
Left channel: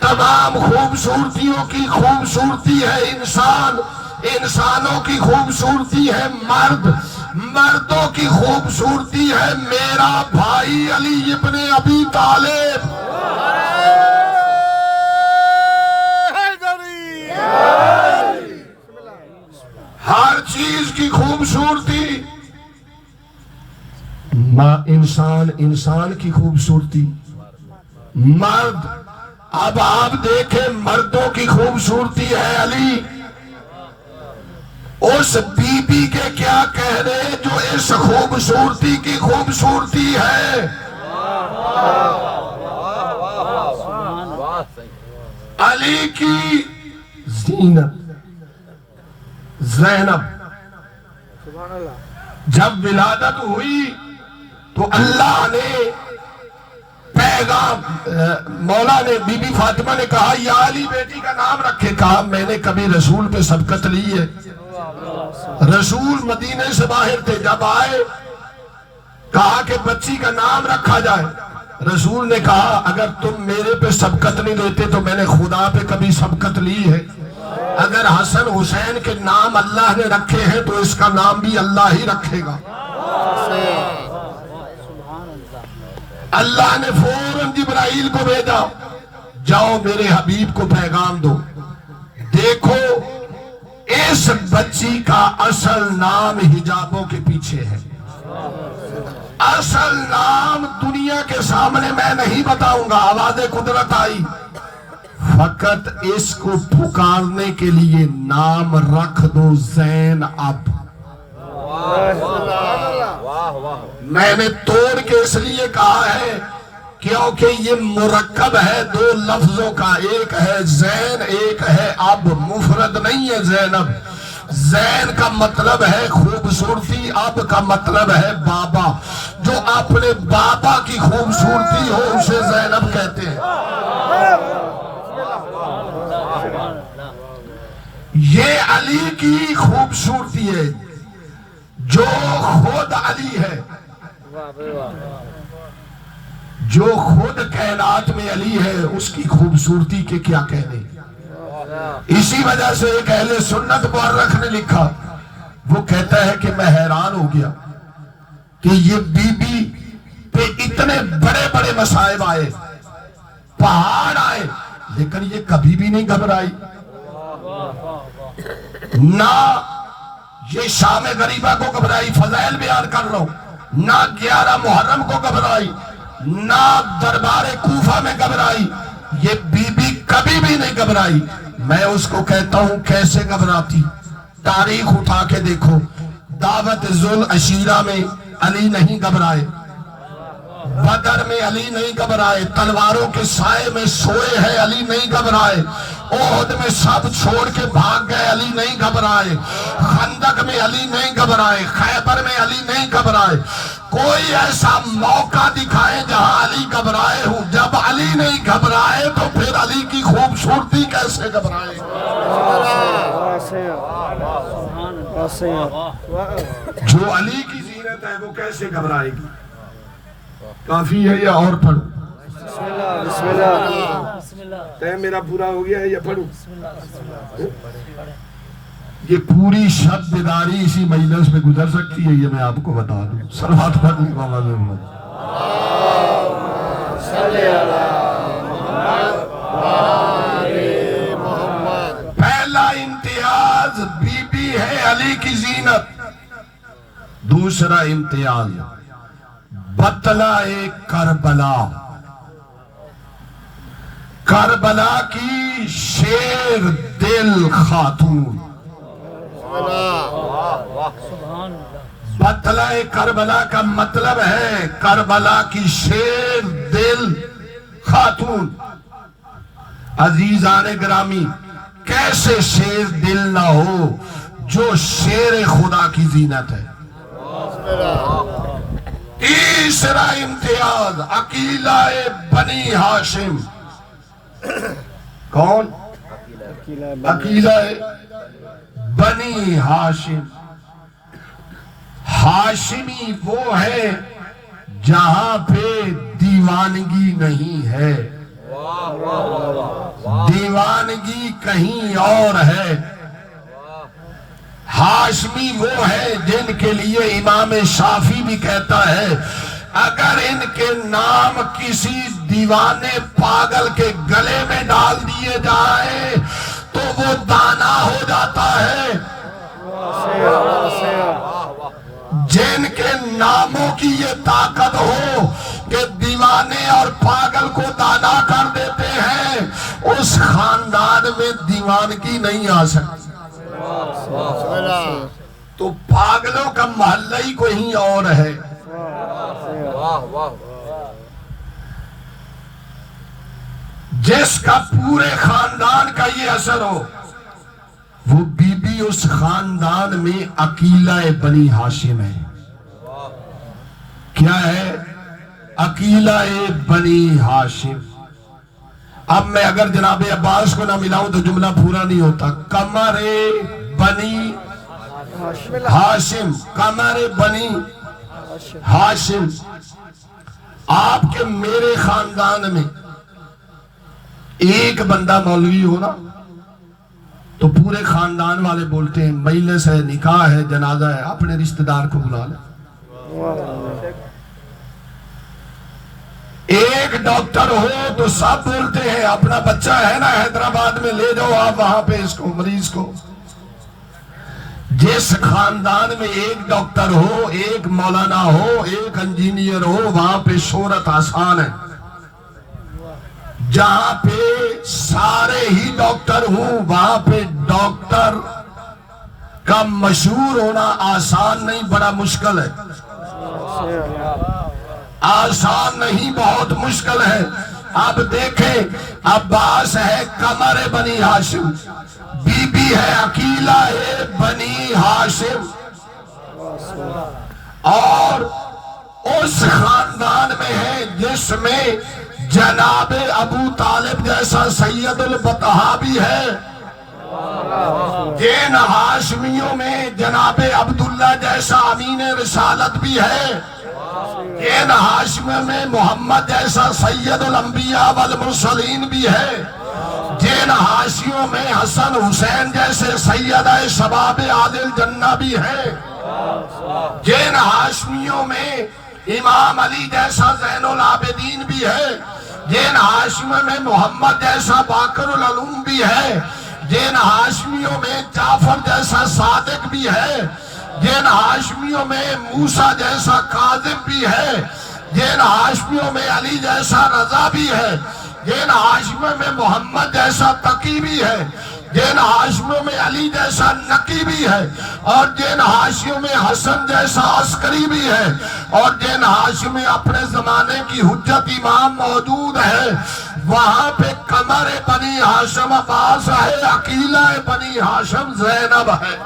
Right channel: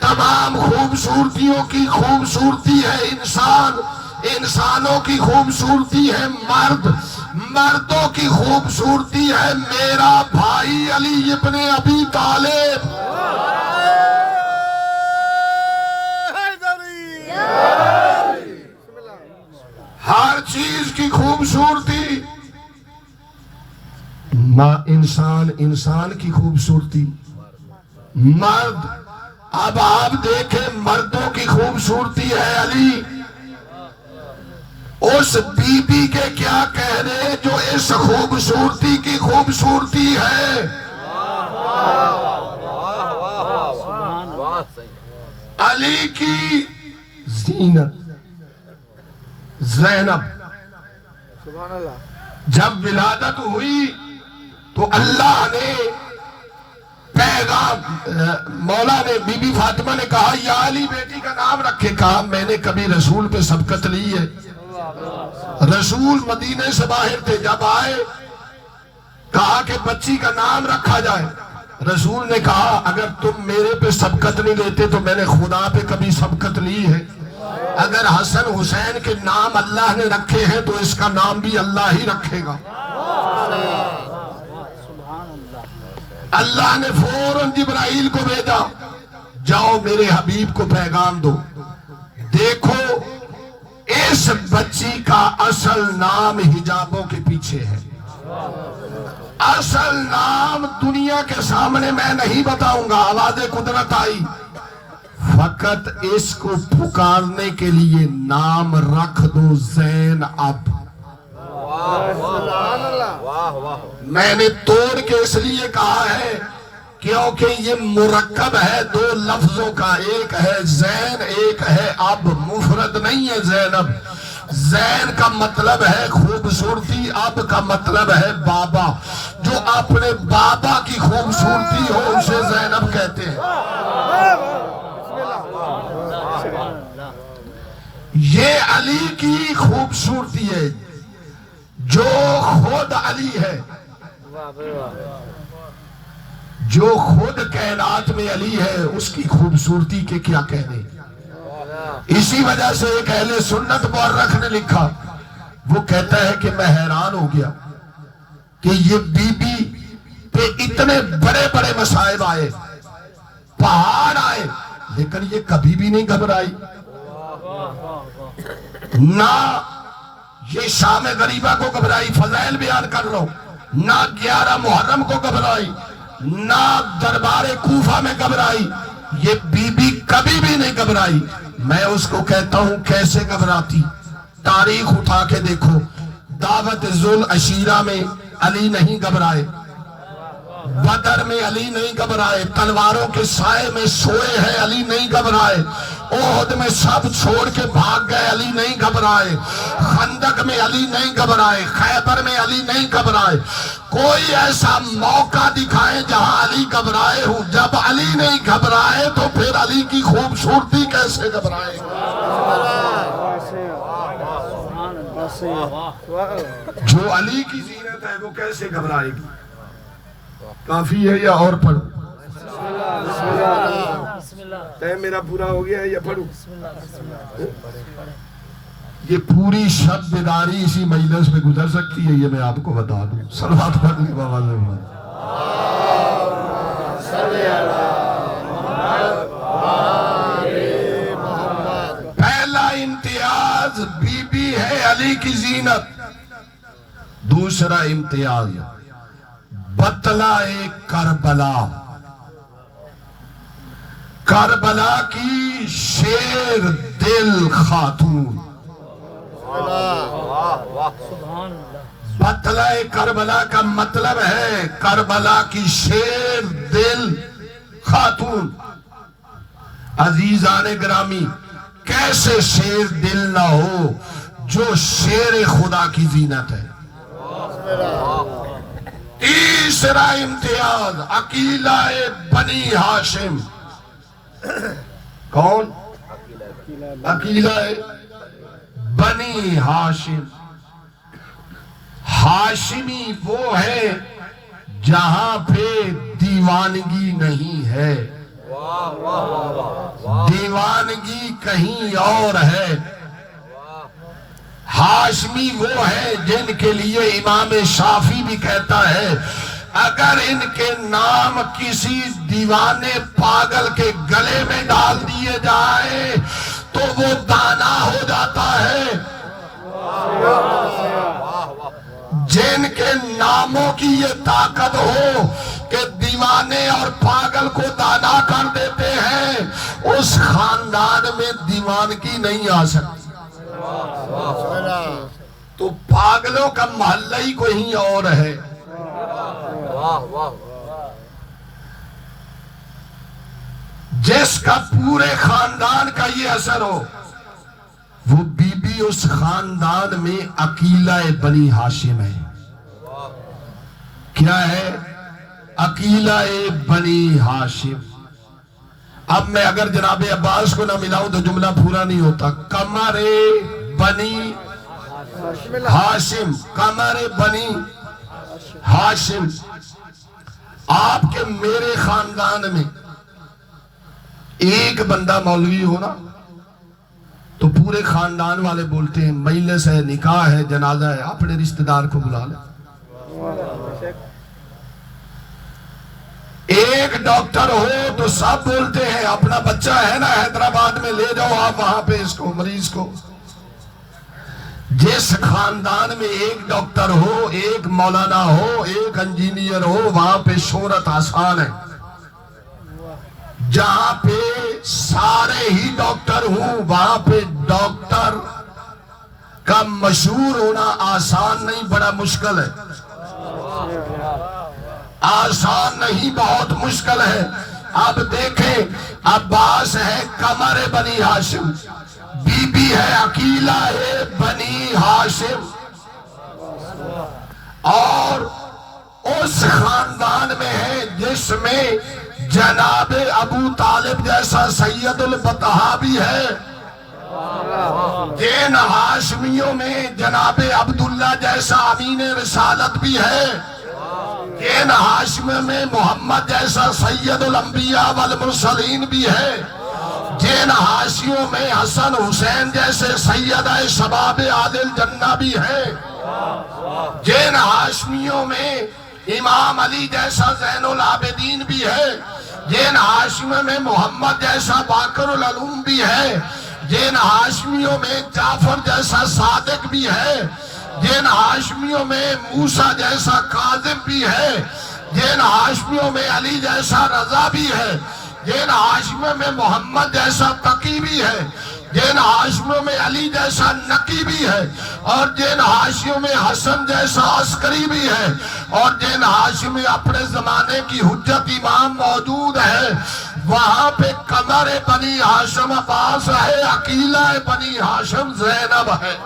تمام خوبصورتیوں کی خوبصورتی ہے انسان، انسانوں کی خوبصورتی ہے مرد، مردوں کی خوبصورتی ہے میرا بھائی علی ابن ابی طالب۔ ہر چیز کی خوبصورتی، انسان، انسان کی خوبصورتی، مرد۔ اب آپ دیکھیں مردوں کی خوبصورتی ہے علی۔ اس بی بی کے کیا کہہ رہے جو اس خوبصورتی کی خوبصورتی ہے؟ علی کی زینت زینب جب ولادت ہوئی تو اللہ نے پیغام، مولا نے بی بی فاطمہ نے کہا یا علی بیٹی کا نام رکھے، کہا میں نے کبھی رسول پہ سبقت لی ہے؟ رسول مدینے سے باہر تھے، جب آئے کہا کہ بچی کا نام رکھا جائے۔ رسول نے کہا اگر تم میرے پہ سبقت نہیں لیتے تو میں نے خدا پہ کبھی سبقت لی ہے؟ اگر حسن حسین کے نام اللہ نے رکھے ہیں تو اس کا نام بھی اللہ ہی رکھے گا۔ اللہ نے فوراً جبرائیل کو بھیجا، جاؤ میرے حبیب کو پیغام دو، دیکھو اس بچی کا اصل نام حجابوں کے پیچھے ہے، اصل نام دنیا کے سامنے میں نہیں بتاؤں گا۔ آواز قدرت آئی، فقط اس کو پکارنے کے لیے نام رکھ دو زینب۔ میں نے توڑ کے اس لیے کہا ہے کیونکہ یہ مرکب ہے دو لفظوں کا، ایک ہے زین ایک ہے اب، مفرد نہیں ہے زینب۔ زین کا مطلب ہے خوبصورتی، اب کا مطلب ہے بابا، جو اپنے بابا کی خوبصورتی ہو اسے زینب کہتے ہیں۔ یہ علی کی خوبصورتی ہے، جو خود علی ہے، جو خود کائنات میں علی ہے، اس کی خوبصورتی کے کیا کہنے۔ اسی وجہ سے ایک اہل سنت مورخ نے لکھا، وہ کہتا ہے کہ میں حیران ہو گیا کہ یہ بی بی پہ اتنے بڑے بڑے مصائب آئے، پہاڑ آئے، لیکن یہ کبھی بھی نہیں گھبرائی، نہ یہ شام غریبہ کو گھبرائی، فضائل بیان کر رہا ہوں، نہ 11 محرم کو گھبرائی، نہ دربار کوفہ میں گھبرائی، یہ بی بی کبھی بھی نہیں گھبرائی۔ میں اس کو کہتا ہوں کیسے گھبراتی؟ تاریخ اٹھا کے دیکھو، دعوت ذوالعشیرہ میں علی نہیں گھبرائے، بدر میں علی نہیں گھبرائے، تلواروں کے سائے میں سوئے ہیں علی نہیں گھبرائے، احد میں سب چھوڑ کے بھاگ گئے علی نہیں گھبرائے، خندق میں علی نہیں گھبرائے، خیبر میں علی نہیں گھبرائے۔ کوئی ایسا موقع دکھائے جہاں علی گھبرائے ہوں۔ جب علی نہیں گھبرائے تو پھر علی کی خوبصورتی کیسے گھبرائے؟ جو علی کی زینت ہے وہ کیسے گھبرائے گی؟ کافی ہے یا اور پڑھو؟ بسم اللہ۔ ٹائم میرا پورا ہو گیا ہے یا پڑھو؟ یہ پوری شب بیداری اسی مجلس میں گزر سکتی ہے، یہ میں آپ کو بتا دوں۔ صلوات پڑھیں بابا زمان۔ پہلا امتیاز بی بی ہے علی کی زینت، دوسرا امتیاز بطلہ کربلا، کربلا کی شیر دل خاتون۔ بطلہ کربلا کا مطلب ہے کربلا کی شیر دل خاتون۔ عزیزان گرامی، کیسے شیر دل نہ ہو جو شیر خدا کی زینت ہے۔ تیسرا امتیاز عقیلہ بنی ہاشم۔ کون؟ عقیلہ بنی ہاشم۔ ہاشمی وہ ہے جہاں پہ دیوانگی نہیں ہے، دیوانگی کہیں اور ہے۔ ہاشمی وہ ہے جن کے لیے امام شافعی بھی کہتا ہے اگر ان کے نام کسی دیوانے پاگل کے گلے میں ڈال دیے جائیں تو وہ دانا ہو جاتا ہے۔ جن کے ناموں کی یہ طاقت ہو کہ دیوانے اور پاگل کو دانا کر دیتے ہیں، اس خاندان میں دیوانگی نہیں آ سکتی۔ تو پاگلوں کا محلہ ہی کوئی اور ہے۔ جس کا پورے خاندان کا یہ اثر ہو، وہ بی بی اس خاندان میں عقیلہ بنی ہاشم ہے۔ کیا ہے؟ عقیلہ بنی ہاشم۔ اب میں اگر جناب عباس کو نہ ملاؤں تو جملہ پورا نہیں ہوتا۔ قمر بنی ہاشم قمر بنی ہاشم. آپ کے میرے خاندان میں ایک بندہ مولوی ہو نا تو پورے خاندان والے بولتے ہیں مجلس ہے، نکاح ہے، جنازہ ہے، اپنے رشتہ دار کو بلا لیں. ایک ڈاکٹر ہو تو سب بولتے ہیں اپنا بچہ ہے نا حیدرآباد میں لے جاؤ آپ وہاں پہ اس کو مریض کو. جس خاندان میں ایک ڈاکٹر ہو، ایک مولانا ہو، ایک انجینئر ہو، وہاں پہ شہرت آسان ہے. جہاں پہ سارے ہی ڈاکٹر ہوں وہاں پہ ڈاکٹر کا مشہور ہونا آسان نہیں، بڑا مشکل ہے. آسان نہیں، بہت مشکل ہے. اب دیکھیں عباس ہے قمر بنی ہاشم، بی بی ہے عقیلہ ہے بنی ہاشم، اور اس خاندان میں ہے جس میں جناب ابو طالب جیسا سید البطحاء بھی ہے. جن ہاشمیوں میں جناب عبداللہ جیسا امین رسالت بھی ہے. جن ہاشمیوں میں محمد جیسا سید الانبیاء والمرسلین بھی ہے. جن ہاشمیوں میں حسن حسین جیسے سیدہ شباب عادل جنہ بھی ہے. جن ہاشمیوں میں امام علی جیسا زین العابدین بھی ہے. جن ہاشمیوں میں محمد جیسا باقر العلوم بھی ہے. جن ہاشمیوں میں جعفر جیسا صادق بھی ہے. جن ہاشمیوں میں موسیٰ جیسا کاظم بھی ہے. جن ہاشمیوں میں علی جیسا رضا بھی ہے. جن ہاشمیوں میں محمد جیسا تقی بھی ہے. جن ہاشمیوں میں علی جیسا نقی بھی ہے. اور جن ہاشمیوں میں حسن جیسا عسکری بھی ہے. اور جن ہاشمیوں میں اپنے زمانے کی حجت امام موجود ہے. وہاں پہ قمر بنی ہاشم عباس ہے، عقیلہ بنی ہاشم زینب ہے.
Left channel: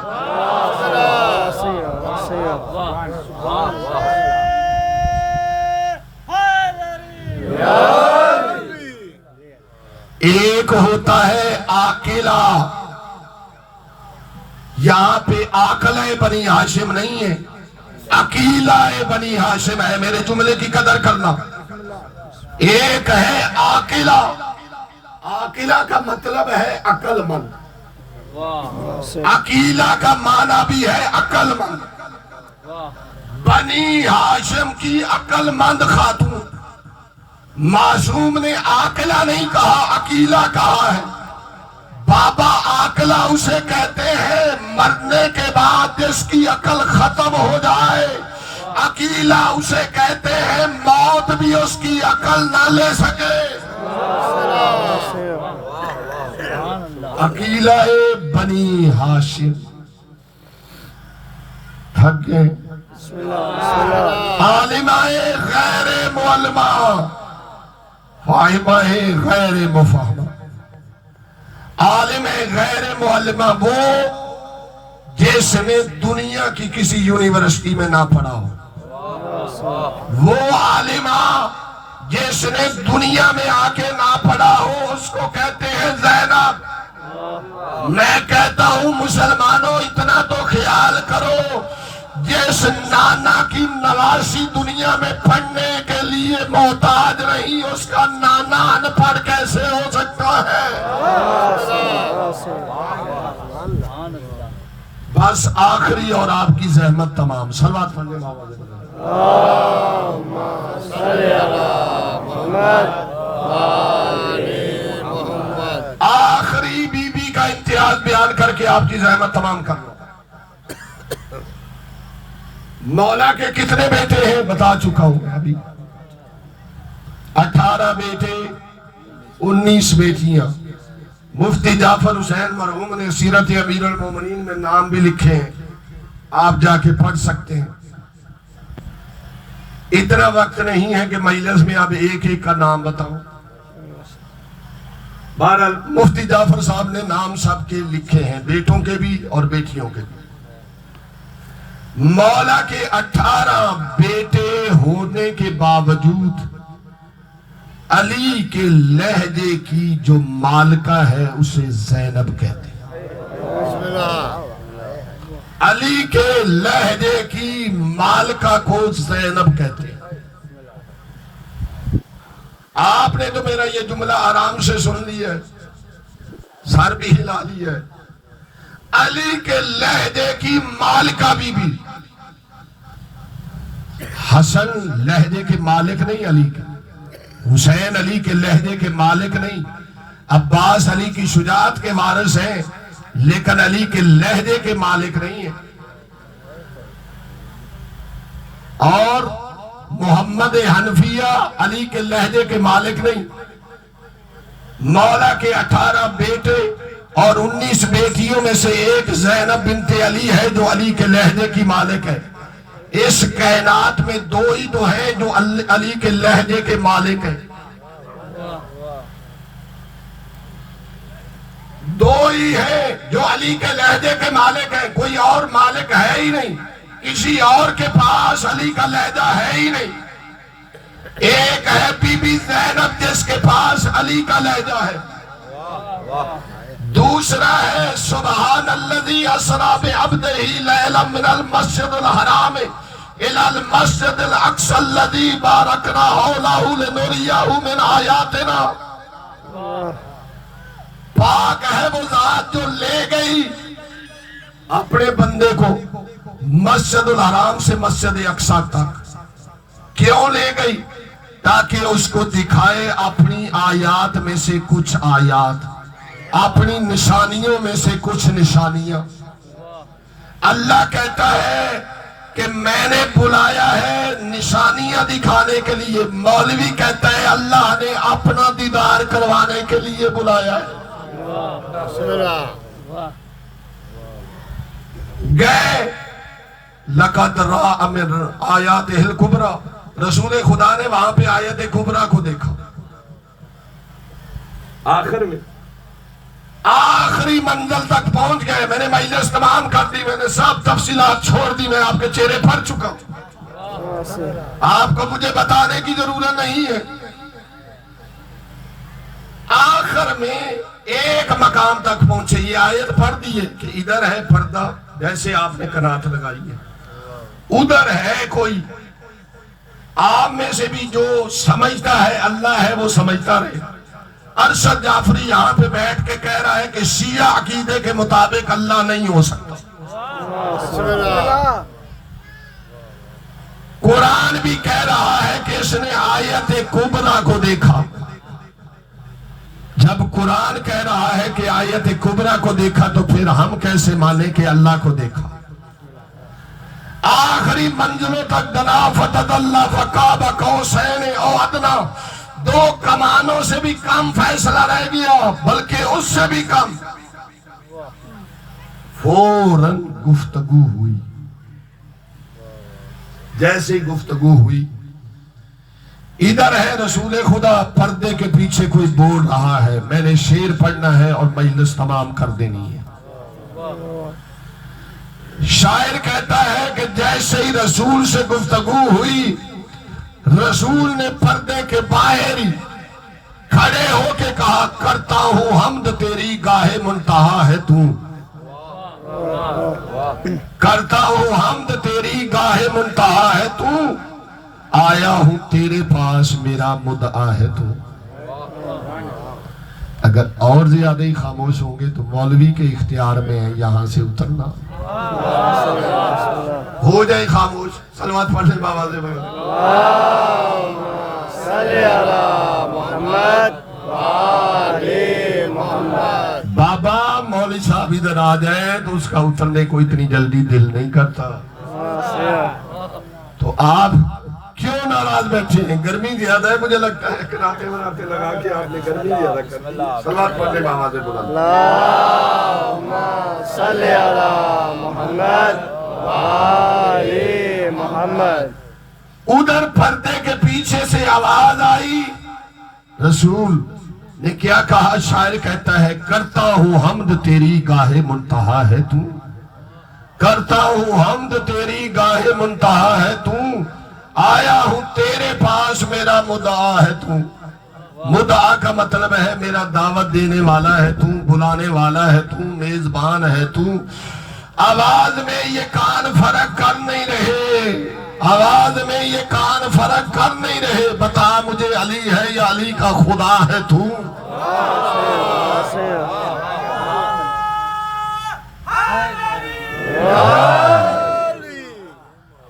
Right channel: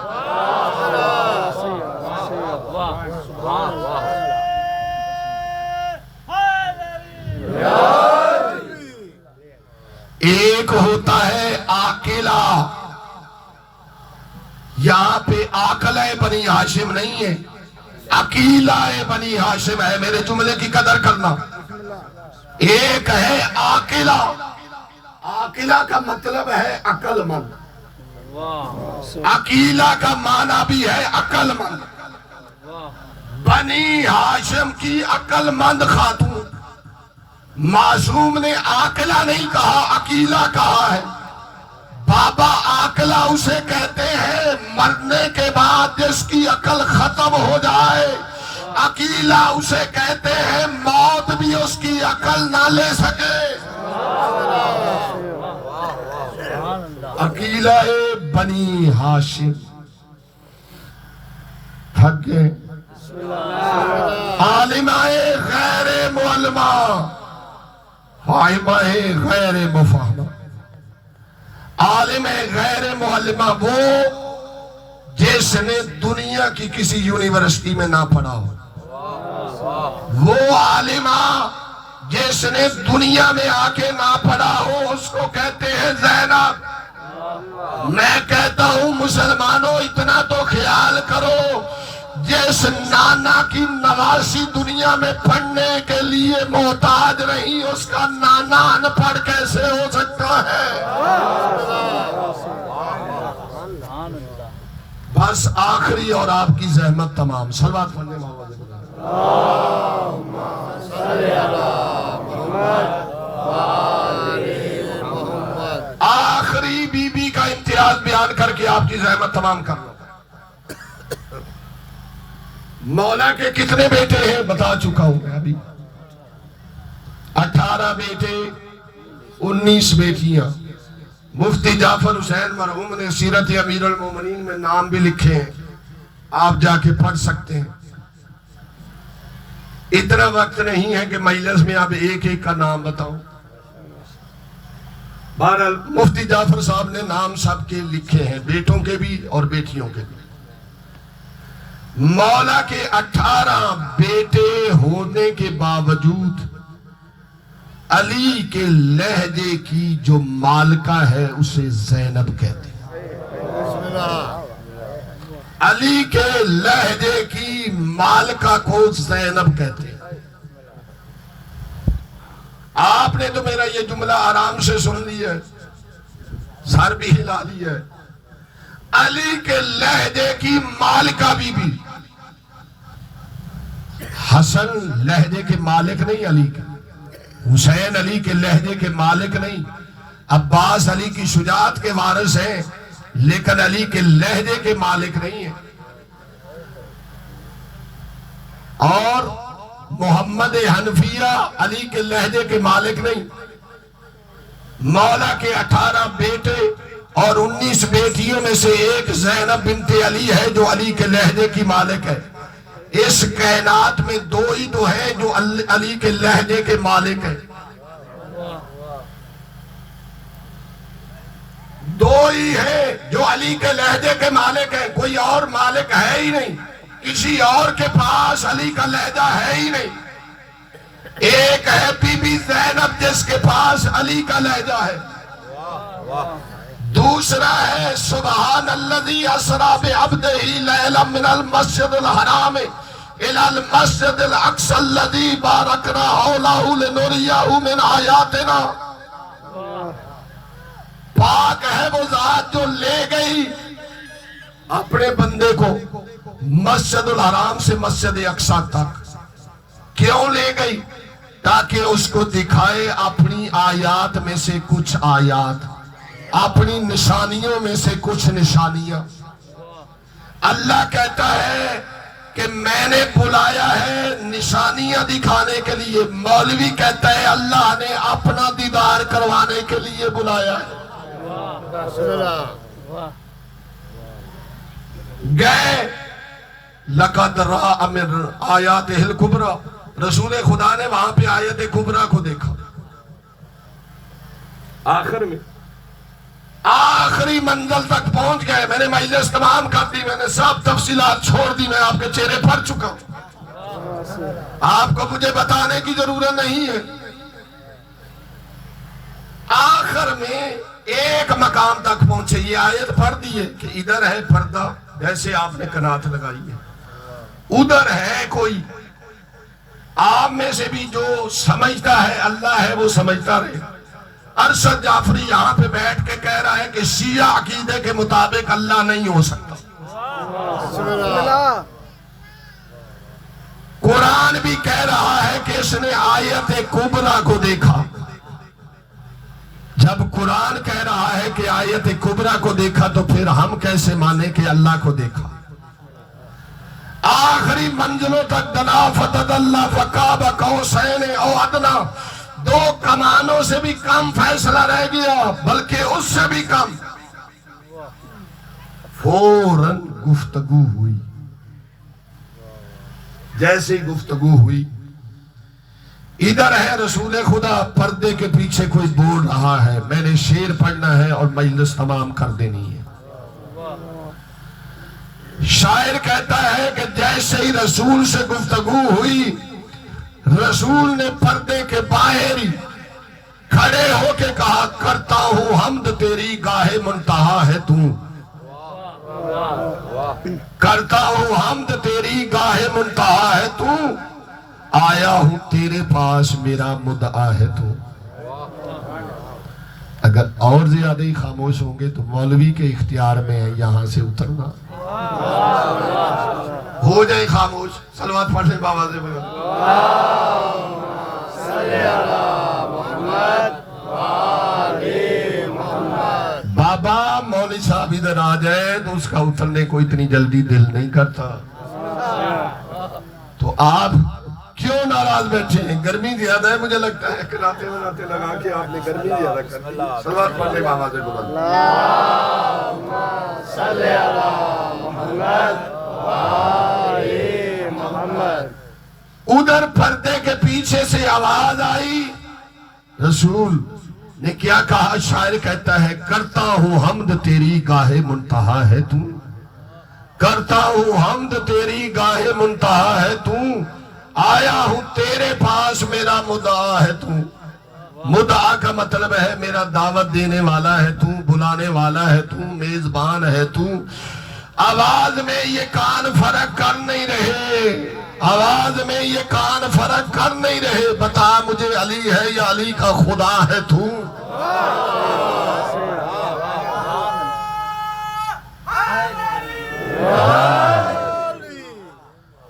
ایک ہوتا ہے عاقلہ، یہاں پہ عاقلہ بنی ہاشم نہیں ہے، عقیلہ بنی ہاشم ہے. میرے جملے کی قدر کرنا. ایک ہے عاقلہ، عاقلہ کا مطلب ہے عقل مند. عقیلہ کا معنی بھی ہے عقل مند. بنی ہاشم کی عقل مند خاتون. معصوم نے عاقلہ نہیں کہا، عقیلہ کہا ہے. بابا عاقلہ اسے کہتے ہیں مرنے کے بعد جس کی عقل ختم ہو جائے. عقیلہ اسے کہتے ہیں موت بھی اس کی عقل نہ لے سکے. عقیلہ بنی ہاشم. تھک گئے. عالمہ غیر معلمہ، فاہمہ غیر مفہمہ. عالم غیر معلمہ وہ جس نے دنیا کی کسی یونیورسٹی میں نہ پڑھا ہو. وہ عالمہ جس نے دنیا میں آ کے نہ پڑھا ہو اس کو کہتے ہیں زینب. میں کہتا ہوں مسلمانوں اتنا تو خیال کرو، جس نانا کی نواسی دنیا میں پڑھنے کے لیے محتاج نہیں اس کا نانا ان پڑھ کیسے ہو سکتا ہے؟ بس آخری اور آپ کی زحمت تمام. صلوات پڑھنے محمد آخری بی بی کا امتیاز بیان کر کے آپ کی زحمت تمام کر لو. مولا کے کتنے بیٹے ہیں بتا چکا ہوں میں ابھی. 18 بیٹے 19 بیٹیاں. مفتی جعفر حسین مرحوم نے سیرت امیر المومنین میں نام بھی لکھے ہیں، آپ جا کے پڑھ سکتے ہیں. اتنا وقت نہیں ہے کہ مجلس میں آپ ایک ایک کا نام بتاؤں. بہرحال مفتی جعفر صاحب نے نام سب کے لکھے ہیں، بیٹوں کے بھی اور بیٹیوں کے بھی. مولا کے 18 بیٹے ہونے کے باوجود علی کے لہجے کی جو مالکہ ہے اسے زینب کہتے ہیں. علی کے لہجے کی مالکہ کو زینب کہتے ہیں۔ آپ نے تو میرا یہ جملہ آرام سے سن لیا ہے، سر بھی ہلا لیا ہے۔ علی کے لہجے کی مالکہ بی بی، حسن لہجے کے مالک نہیں علی کے، حسین علی کے لہجے کے مالک نہیں، عباس علی کی شجاعت کے وارث ہیں لیکن علی کے لہجے کے مالک نہیں ہیں۔ اور محمد حنفیہ علی کے لہجے کے مالک نہیں۔ مولا کے 18 بیٹے اور 19 بیٹیوں میں سے ایک زینب بنت علی ہے جو علی کے لہجے کی مالک ہے۔ اس کائنات میں دو ہی تو ہیں جو علی کے لہجے کے مالک ہیں، دو ہی ہیں جو علی کے لہجے کے مالک ہیں، کوئی اور مالک ہے ہی نہیں، کسی اور کے پاس علی کا لہجہ ہے ہی نہیں۔ ایک ہے بی بی زینب جس کے پاس علی کا لہجہ ہے، دوسرا ہے سبحان الذی اسری بعبدہ لیلا من المسجد الحرام الی المسجد الاقصی الذی بارکنا حولہ لنریہ من آیاتنا۔ پاک ہے وہ ذات جو لے گئی اپنے بندے کو مسجد الحرام سے مسجد اقصی تک۔ کیوں لے گئی؟ تاکہ اس کو دکھائے اپنی آیات میں سے کچھ آیات، اپنی نشانیوں میں سے کچھ نشانیاں۔ اللہ کہتا ہے کہ میں نے بلایا ہے نشانیاں دکھانے کے لیے، مولوی کہتا ہے اللہ نے اپنا دیدار کروانے کے لیے بلایا ہے۔ گئے لقد رأى من آیاتہ الکبریٰ، رسول خدا نے وہاں پہ آیت کبریٰ کو دیکھا۔ آخر میں آخری منزل تک پہنچ گئے، میں نے مجلس تمام کر دی، میں نے سب تفصیلات چھوڑ دی، میں آپ کے چہرے پر چکا ہوں، آپ کو مجھے بتانے کی ضرورت نہیں ہے۔ آخر میں ایک مقام تک پہنچے، یہ آیت پڑھ دی ہے کہ ادھر ہے پردہ جیسے آپ نے قرات لگائی ہے، ادھر ہے کوئی، آپ میں سے بھی جو سمجھتا ہے اللہ ہے وہ سمجھتا رہے۔ ارشد جعفری یہاں پہ بیٹھ کے کہہ رہا ہے کہ شیعہ عقیدے کے مطابق اللہ نہیں ہو سکتا۔ قرآن بھی کہہ رہا ہے کہ اس نے آیت کبریٰ کو دیکھا۔ جب قرآن کہہ رہا ہے کہ آیت کبریٰ کو دیکھا تو پھر ہم کیسے مانیں کہ اللہ کو دیکھا؟ آخری منزلوں تک دنا فتدلی فقاب قوسین او ادنی، دو کمانوں سے بھی کم فیصلہ رہ گیا، بلکہ اس سے بھی کم۔ فوراً گفتگو ہوئی، جیسے ہی گفتگو ہوئی، ادھر ہے رسول خدا، پردے کے پیچھے کوئی بول رہا ہے، میں نے شعر پڑھنا ہے اور مجلس تمام کر دینی ہے۔ شاعر کہتا ہے کہ جیسے ہی رسول سے گفتگو ہوئی، رسول نے پردے کے باہر ہی کھڑے ہو کے کہا کرتا ہوں حمد تیری گاہ منتہا ہے تو، کرتا ہوں حمد تیری گاہ منتہا ہے تو، آیا ہوں تیرے پاس میرا مدعا ہے تو۔ اگر اور زیادہ ہی خاموش ہوں گے تو مولوی کے اختیار میں ہے یہاں سے اترنا۔ ہو جائے خاموش، صلوات پڑھ لیں بابا سے بابا۔ مولوی صاحب ادھر آ جائے تو اس کا اترنے کو اتنی جلدی دل نہیں کرتا، تو آپ کیوں ناراض بیٹھے ہیں؟ گرمی زیادہ ہے، مجھے لگتا ہے کراتے مناتے لگا کہ آپ نے گرمی زیادہ کر دی۔ صلوات پڑھ لیں بابا سے بلند۔ اللہم صلی علی محمد وآل محمد۔ ادھر پردے کے پیچھے سے آواز آئی، رسول نے کیا کہا؟ شاعر کہتا ہے کرتا ہوں حمد تیری گاہ منتہا ہے تو، کرتا ہوں حمد تیری گاہ منتہا ہے تو، آیا ہوں تیرے پاس میرا مدعا ہے تو۔ مدعا کا مطلب ہے میرا دعوت دینے والا ہے تو، بلانے والا ہے تو، میزبان ہے تو۔ آواز میں یہ کان فرق کر نہیں رہے، آواز میں یہ کان فرق کر نہیں رہے، بتا مجھے علی ہے یا علی کا خدا ہے تو؟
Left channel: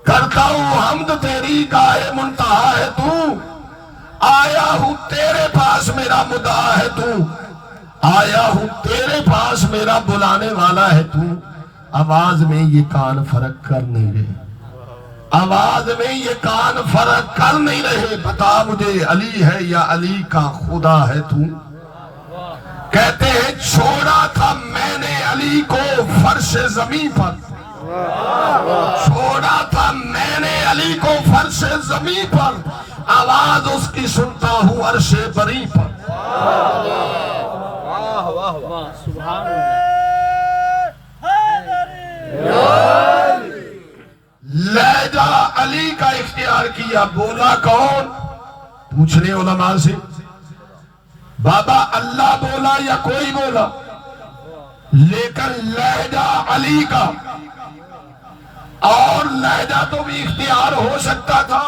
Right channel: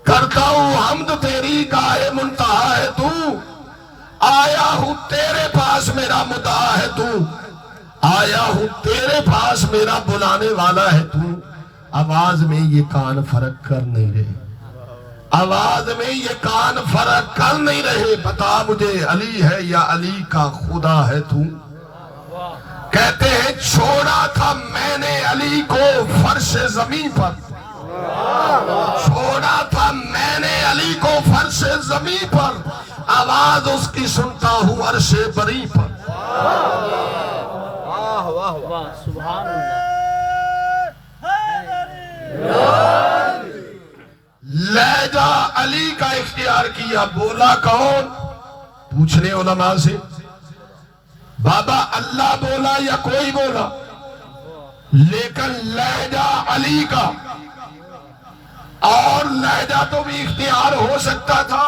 کرتا ہوں حمد تیری گاہ منتہا ہے تو، آیا ہوں تیرے پاس میرا مدعا ہے تو، آیا ہوں تیرے پاس میرا بلانے والا ہے تو۔ آواز میں یہ کان فرق کر نہیں رہے، آواز میں یہ کان فرق کر نہیں رہے، بتا مجھے علی ہے یا علی کا خدا ہے تو؟ کہتے ہیں چھوڑا تھا میں نے علی کو فرش زمین پر، چھوڑا تھا میں نے علی کو فرش زمین پر، آواز اس کی سنتا ہوں عرش بری پر۔ سبحان لہجہ علی کا اختیار کیا، بولا کون؟ پوچھنے علماء سے، بابا اللہ بولا یا کوئی بولا؟ لیکن لہجہ علی کا، اور لہجہ تو بھی اختیار ہو سکتا تھا۔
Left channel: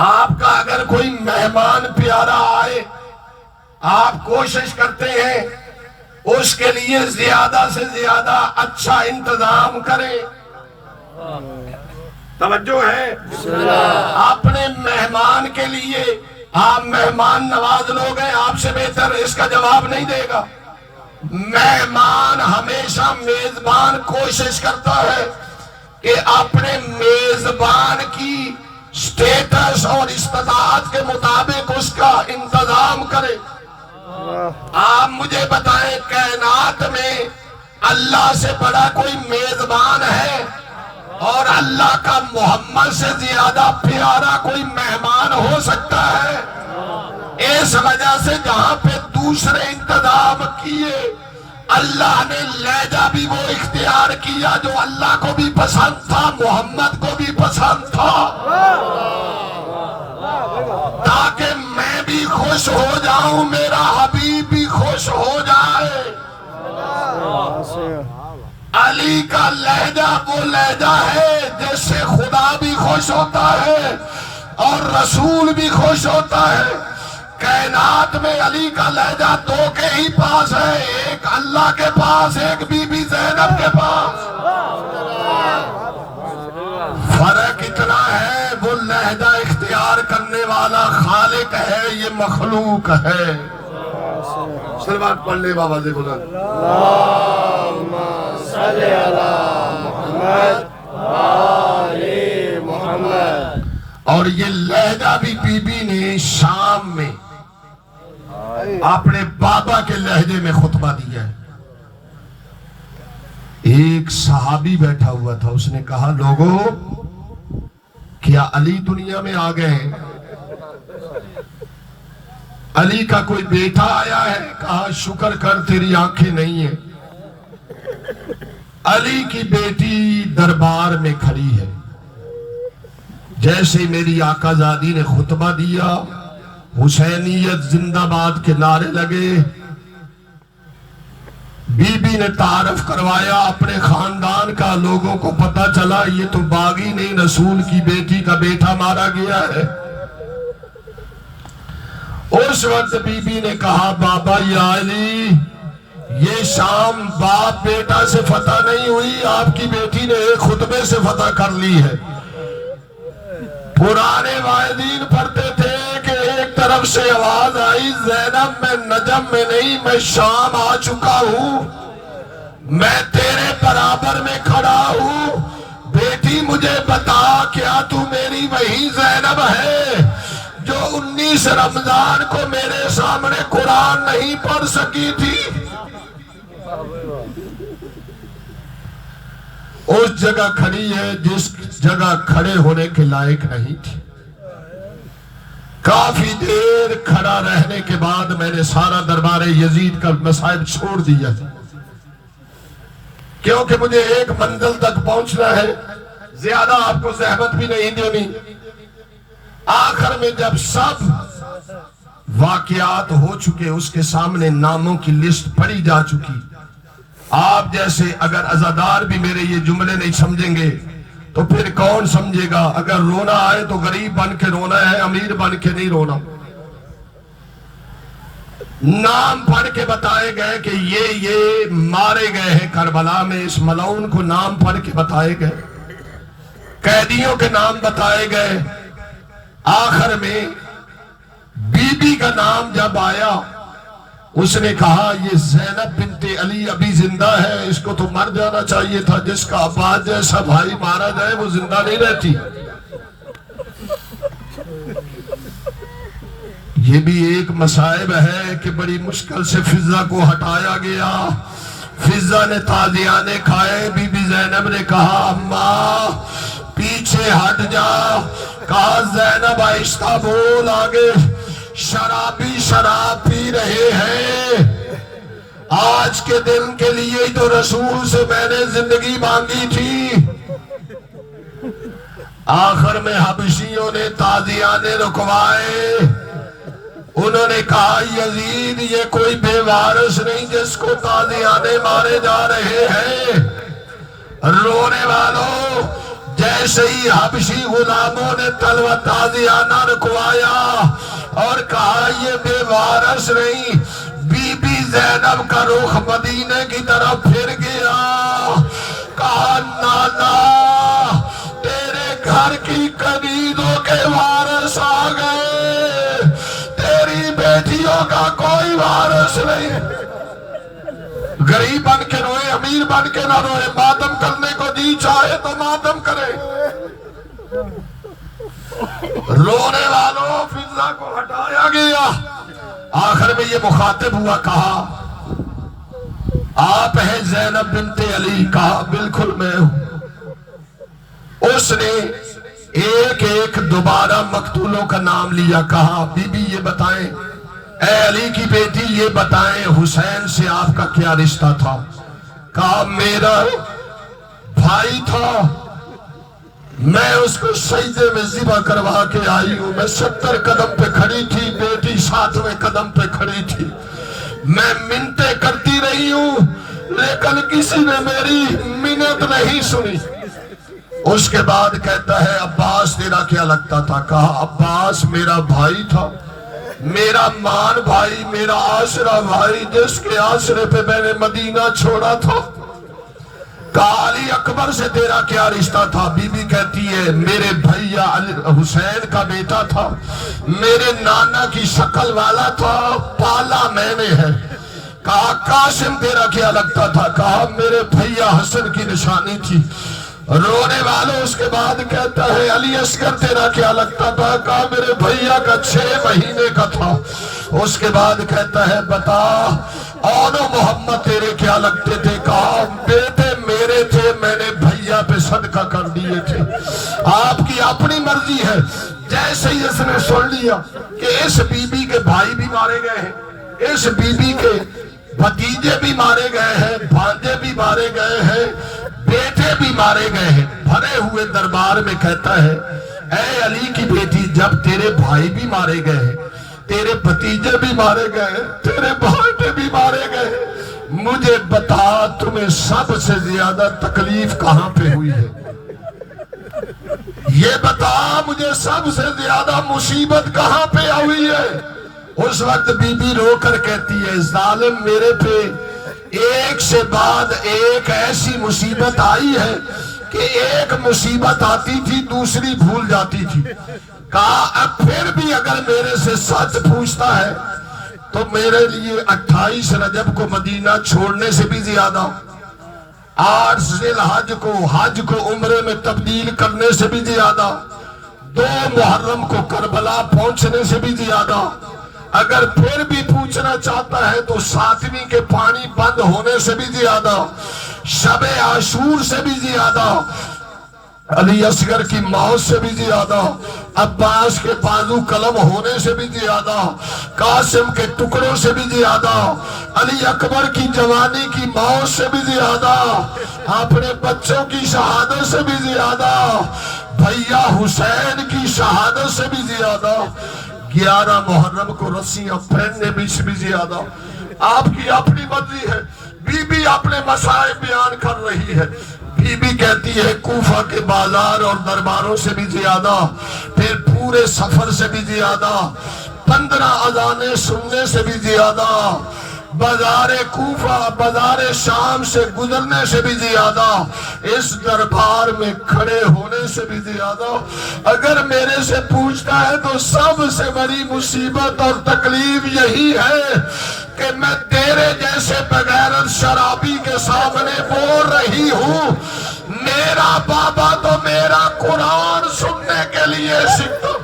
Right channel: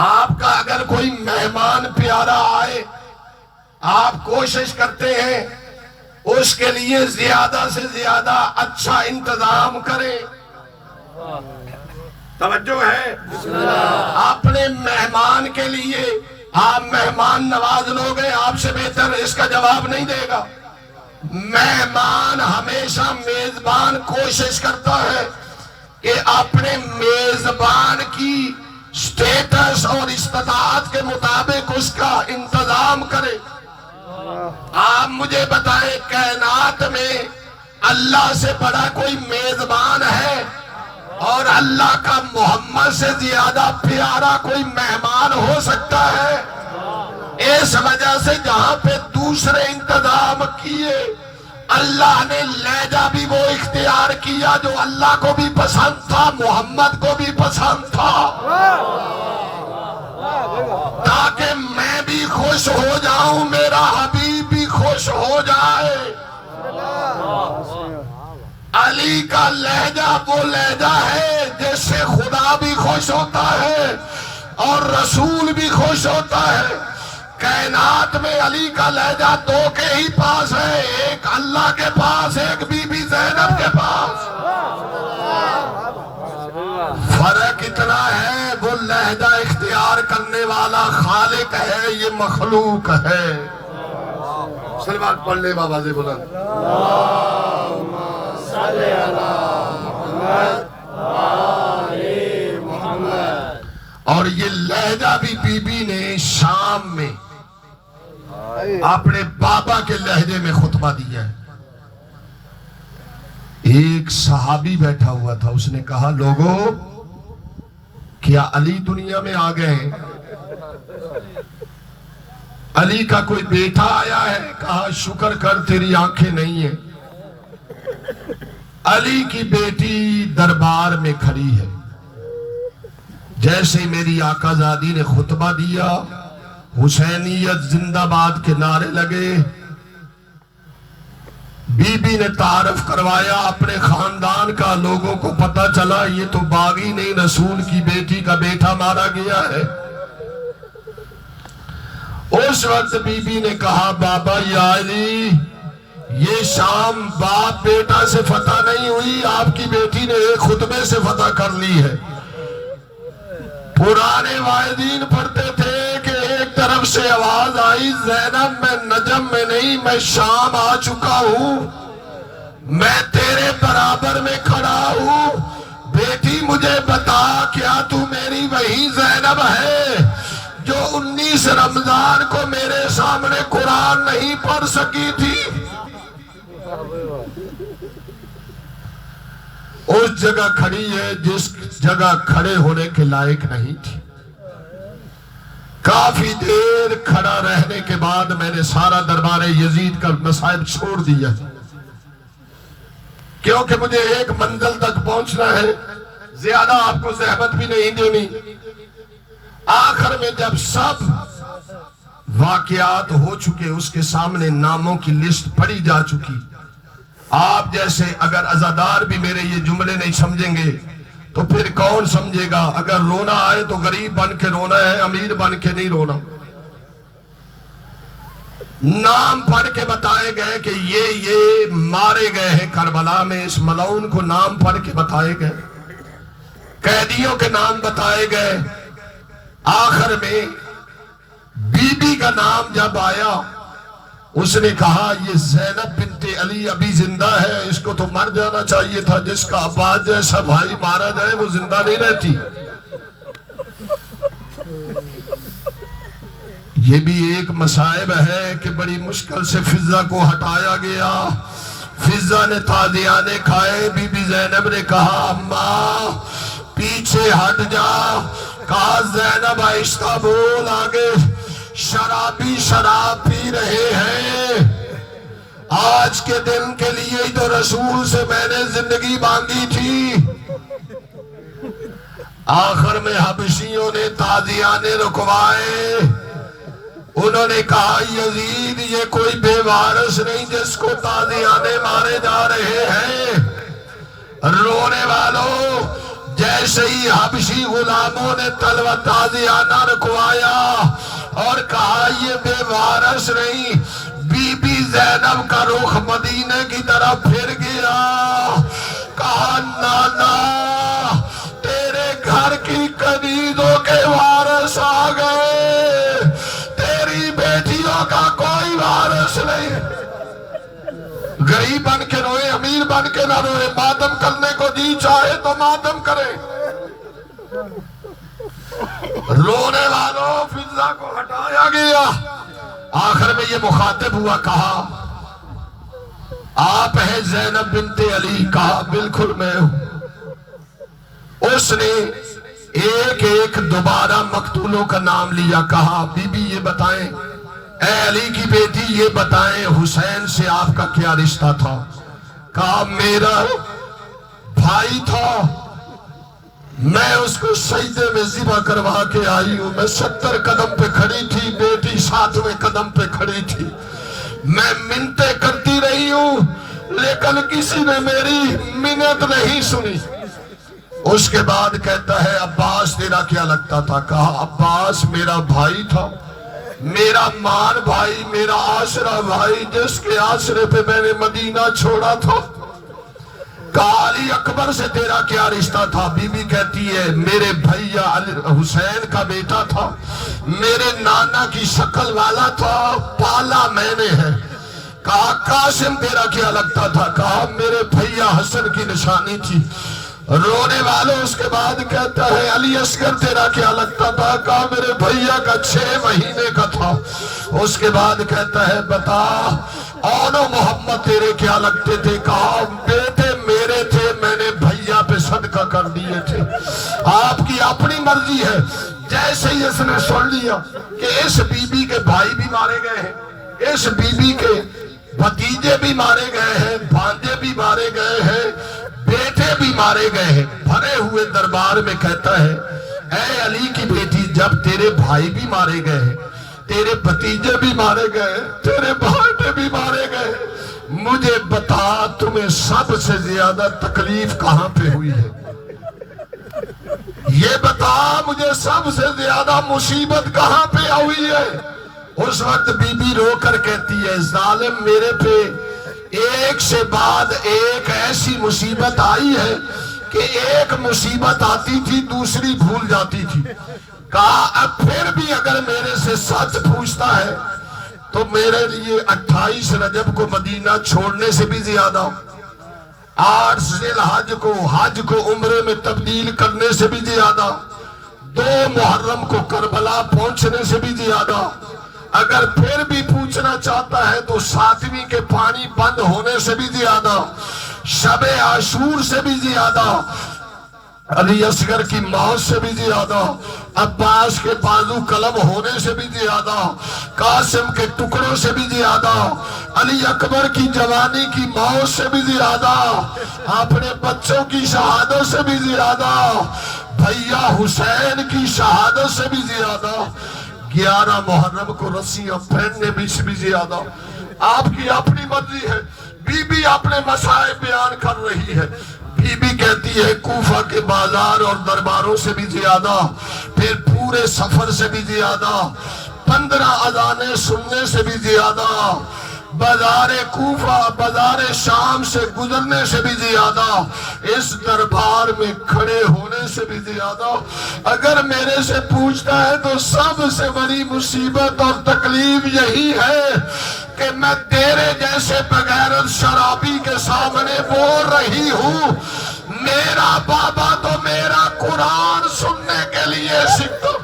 آپ کا اگر کوئی مہمان پیارا آئے، آپ کوشش کرتے ہیں اس کے لیے زیادہ سے زیادہ اچھا انتظام کریں، توجہ ہے؟ اپنے مہمان کے لیے آپ مہمان نواز لوگ ہیں، آپ سے بہتر اس کا جواب نہیں دے گا۔ مہمان ہمیشہ میزبان کوشش کرتا ہے کہ اپنے میزبان کی سٹیٹس اور استطاعت کے مطابق اس کا انتظام کرے۔ آپ مجھے بتائیں کائنات میں اللہ سے بڑا کوئی میزبان ہے اور اللہ کا محمد سے زیادہ پیارا کوئی مہمان ہو سکتا ہے؟ اس وجہ سے جہاں پہ دوسرے انتظام کیے، اللہ نے لہجہ بھی وہ اختیار کیا جو اللہ کو بھی پسند تھا، محمد کو بھی پسند تھا، تاکہ میں بھی خوش ہو جاؤں، میرا حبیب بھی خوش ہو جائے۔ علی کا لہجہ وہ لہجہ ہے جس سے خدا بھی خوش ہوتا ہے اور رسول بھی خوش ہوتا ہے۔ کائنات میں علی کا لہجہ دو کے ہی پاس ہے، ایک اللہ کے پاس، ایک بی بی زینب کے پاس۔ فرق اتنا ہے، وہ لہجہ اختیار کرنے والا خالق ہے، یہ مخلوق ہے۔ صلوات پڑھ لے بابا سے بلند۔ اور یہ لہجہ بھی بی بی نے شام میں اپنے بابا کے لہجے میں خطبہ دیا ہے۔ ایک صحابی بیٹھا ہوا تھا، اس نے کہا لوگوں کیا علی دنیا میں آ گئے ہیں؟ علی کا کوئی بیٹا آیا ہے؟ کہا شکر کر تیری آنکھیں نہیں ہیں۔ علی کی بیٹی دربار میں کھڑی ہے، جیسے میری آقا زادی نے خطبہ دیا، حسینیت زندہ باد کے نعرے لگے، بی بی نے تعارف کروایا اپنے خاندان کا، لوگوں کو پتا چلا یہ تو باغی نہیں، رسول کی بیٹی کا بیٹا مارا گیا ہے۔ اس وقت بی بی نے کہا بابا یا علی، یہ شام باپ بیٹا سے فتح نہیں ہوئی، آپ کی بیٹی نے ایک خطبے سے فتح کر لی ہے۔ پرانے واعظین پڑھتے تھے کہ ایک طرف سے آواز آئی زینب میں نجم میں نہیں، میں شام آ چکا ہوں، میں تیرے برابر میں کھڑا ہوں، بیٹی مجھے بتا کیا تو میری وہی زینب ہے جو 19 رمضان کو میرے سامنے قرآن نہیں پڑھ سکی تھی؟ اس جگہ کھڑی ہے جس جگہ کھڑے ہونے کے لائق نہیں تھی۔ کافی دیر کھڑا رہنے کے بعد میں نے سارا دربار یزید کا مصائب چھوڑ دیا، کیونکہ مجھے ایک منزل تک پہنچنا ہے، زیادہ آپ کو زحمت بھی نہیں دینی۔ آخر میں جب سب واقعات ہو چکے، اس کے سامنے ناموں کی لسٹ پڑھی جا چکی، آپ جیسے اگر عزادار بھی میرے یہ جملے نہیں سمجھیں گے تو پھر کون سمجھے گا؟ اگر رونا آئے تو غریب بن کے رونا ہے، امیر بن کے نہیں رونا۔ نام پڑھ کے بتائے گئے کہ یہ مارے گئے ہیں کربلا میں، اس ملعون کو نام پڑھ کے بتائے گئے، قیدیوں کے نام بتائے گئے۔ آخر میں بی بی کا نام جب آیا، اس نے کہا یہ زینب بنت علی ابھی زندہ ہے، اس کو تو مر جانا چاہیے تھا، جس کا عباس جیسا بھائی مارا جائے وہ زندہ نہیں رہتی۔ یہ بھی ایک مصائب ہے کہ بڑی مشکل سے فضہ کو ہٹایا گیا۔ فضہ نے تازیانے کھائے، بی بی زینب نے کہا اماں پیچھے ہٹ جا، کہا زینب آہستہ بول آگے، شرابی شراب پی رہے ہیں، آج کے دن کے لیے تو رسول سے میں نے زندگی مانگی تھی۔ آخر میں حبشیوں نے تازیانے رکوائے، انہوں نے کہا یزید یہ کوئی بے وارث نہیں جس کو تازیانے مارے جا رہے ہیں۔ رونے والوں، جیسے ہی حبشی غلاموں نے تلوہ تازیانہ رکوایا اور کہا یہ بے وارث نہیں، بی بی زینب کا رخ مدینے کی طرف پھر گیا، کہا نانا تیرے گھر کی کنیزوں کے وارث آ گئے، تیری بیٹیوں کا کوئی وارث نہیں۔ غریب بن کے روئے، امیر بن کے نہ روئے، ماتم کرنے کو جی چاہے تو ماتم کرے۔ رونے والوں، فضہ کو ہٹایا گیا۔ آخر میں یہ مخاطب ہوا، کہا آپ ہیں زینب بنت علی؟ کہا بالکل میں ہوں۔ اس نے ایک ایک دوبارہ مقتولوں کا نام لیا، کہا بی بی یہ بتائیں، اے علی کی بیٹی یہ بتائیں حسین سے آپ کا کیا رشتہ تھا؟ کہا میرا بھائی تھا، میں اس کو سجدے میں ذبح کروا کے آئی ہوں، میں 70 قدم پہ کھڑی تھی، بیٹی 7ویں قدم پہ کھڑی تھی، میں منتیں کرتی رہی ہوں لیکن کسی نے میری منت نہیں سنی۔ اس کے بعد کہتا ہے عباس تیرا کیا لگتا تھا؟ کہا عباس میرا بھائی تھا، میرا مان بھائی، میرا آسرا بھائی، جس کے آسرے پہ میں نے مدینہ چھوڑا تھا۔ کہا علی اکبر سے تیرا کیا رشتہ تھا؟ بی بی کہتی ہے میرے بھیا حسین کا بیٹا تھا، میرے نانا کی شکل والا تھا، پالا میں نے ہے۔ کہا قاسم تیرا کیا لگتا تھا؟ کہا میرے بھیا حسن کی نشانی تھی۔ رونے والوں، اس کے بعد کہتا ہے علی اصغر تیرا کیا لگتا تھا؟ کہا میرے بھیا کا 6 مہینے کا تھا۔ اس کے بعد کہتا ہے بتا اور محمد تیرے کیا لگتے تھے؟ کہا بیٹے میرے تھے، میں نے بھیا پہ صدقہ کر دیے تھے۔ آپ کی اپنی مرضی ہے۔ جیسے ہی اس نے سن لیا کہ اس بی بی کے بھائی بھی مارے گئے ہیں، اس بی بی کے بھتیجے بھی مارے گئے ہیں، بھانجے بھی مارے گئے ہیں، بیٹے بھی مارے گئے ہیں، بھرے ہوئے دربار میں کہتا ہے اے علی کی بیٹی جب تیرے بھائی بھی مارے گئے ہیں، تیرے بھتیجے بھی مارے گئے، تیرے بھانجے بھی مارے گئے، مجھے بتا تمہیں سب سے زیادہ تکلیف کہاں پہ ہوئی ہے؟ یہ بتا مجھے سب سے زیادہ مصیبت کہاں پہ ہوئی ہے؟ اس وقت بی بی رو کر کہتی ہے ظالم میرے پہ ایک سے بعد ایک ایسی مصیبت آئی ہے کہ ایک مصیبت آتی تھی دوسری بھول جاتی تھی۔ کہا اب پھر بھی اگر میرے سے سچ پوچھتا ہے تو میرے لیے 28 رجب کو مدینہ چھوڑنے سے بھی زیادہ، 8 ذی الحج کو حج کو عمرے میں تبدیل کرنے سے بھی زیادہ، 2 محرم کو کربلا پہنچنے سے بھی زیادہ، اگر پھر بھی پوچھنا چاہتا ہے تو 7ویں کے پانی بند ہونے سے بھی زیادہ، شب عاشور سے بھی زیادہ، علی اصغر کی موت سے بھی زیادہ، عباس کے بازو قلم ہونے سے بھی زیادہ، قاسم کے ٹکڑوں سے بھی زیادہ، علی اکبر کی جوانی کی موت سے بھی زیادہ، اپنے بچوں کی شہادت سے بھی زیادہ، بھیا حسین کی شہادت سے بھی زیادہ، 11 محرم کو رسیاں پہننے بھی سے بھی زیادہ۔ آپ کی اپنی مرضی ہے۔ بی بی اپنے مسائل بیان کر رہی ہے. بی بی کہتی ہے کوفہ کے بازار اور درباروں سے بھی زیادہ، پھر پورے سفر سے بھی زیادہ، 15 اذانیں سننے سے بھی زیادہ، بازار کوفہ بازار شام سے گزرنے سے بھی زیادہ، اس دربار میں کھڑے ہونے سے بھی زیادہ، اگر میرے سے پوچھتا ہے تو سب سے بڑی مصیبت اور تکلیف یہی ہے کہ میں تیرے جیسے بغیرت شرابی کے سامنے بول رہی ہوں. میرا بابا تو میرا قرآن سننے کے لیے سیکھتا.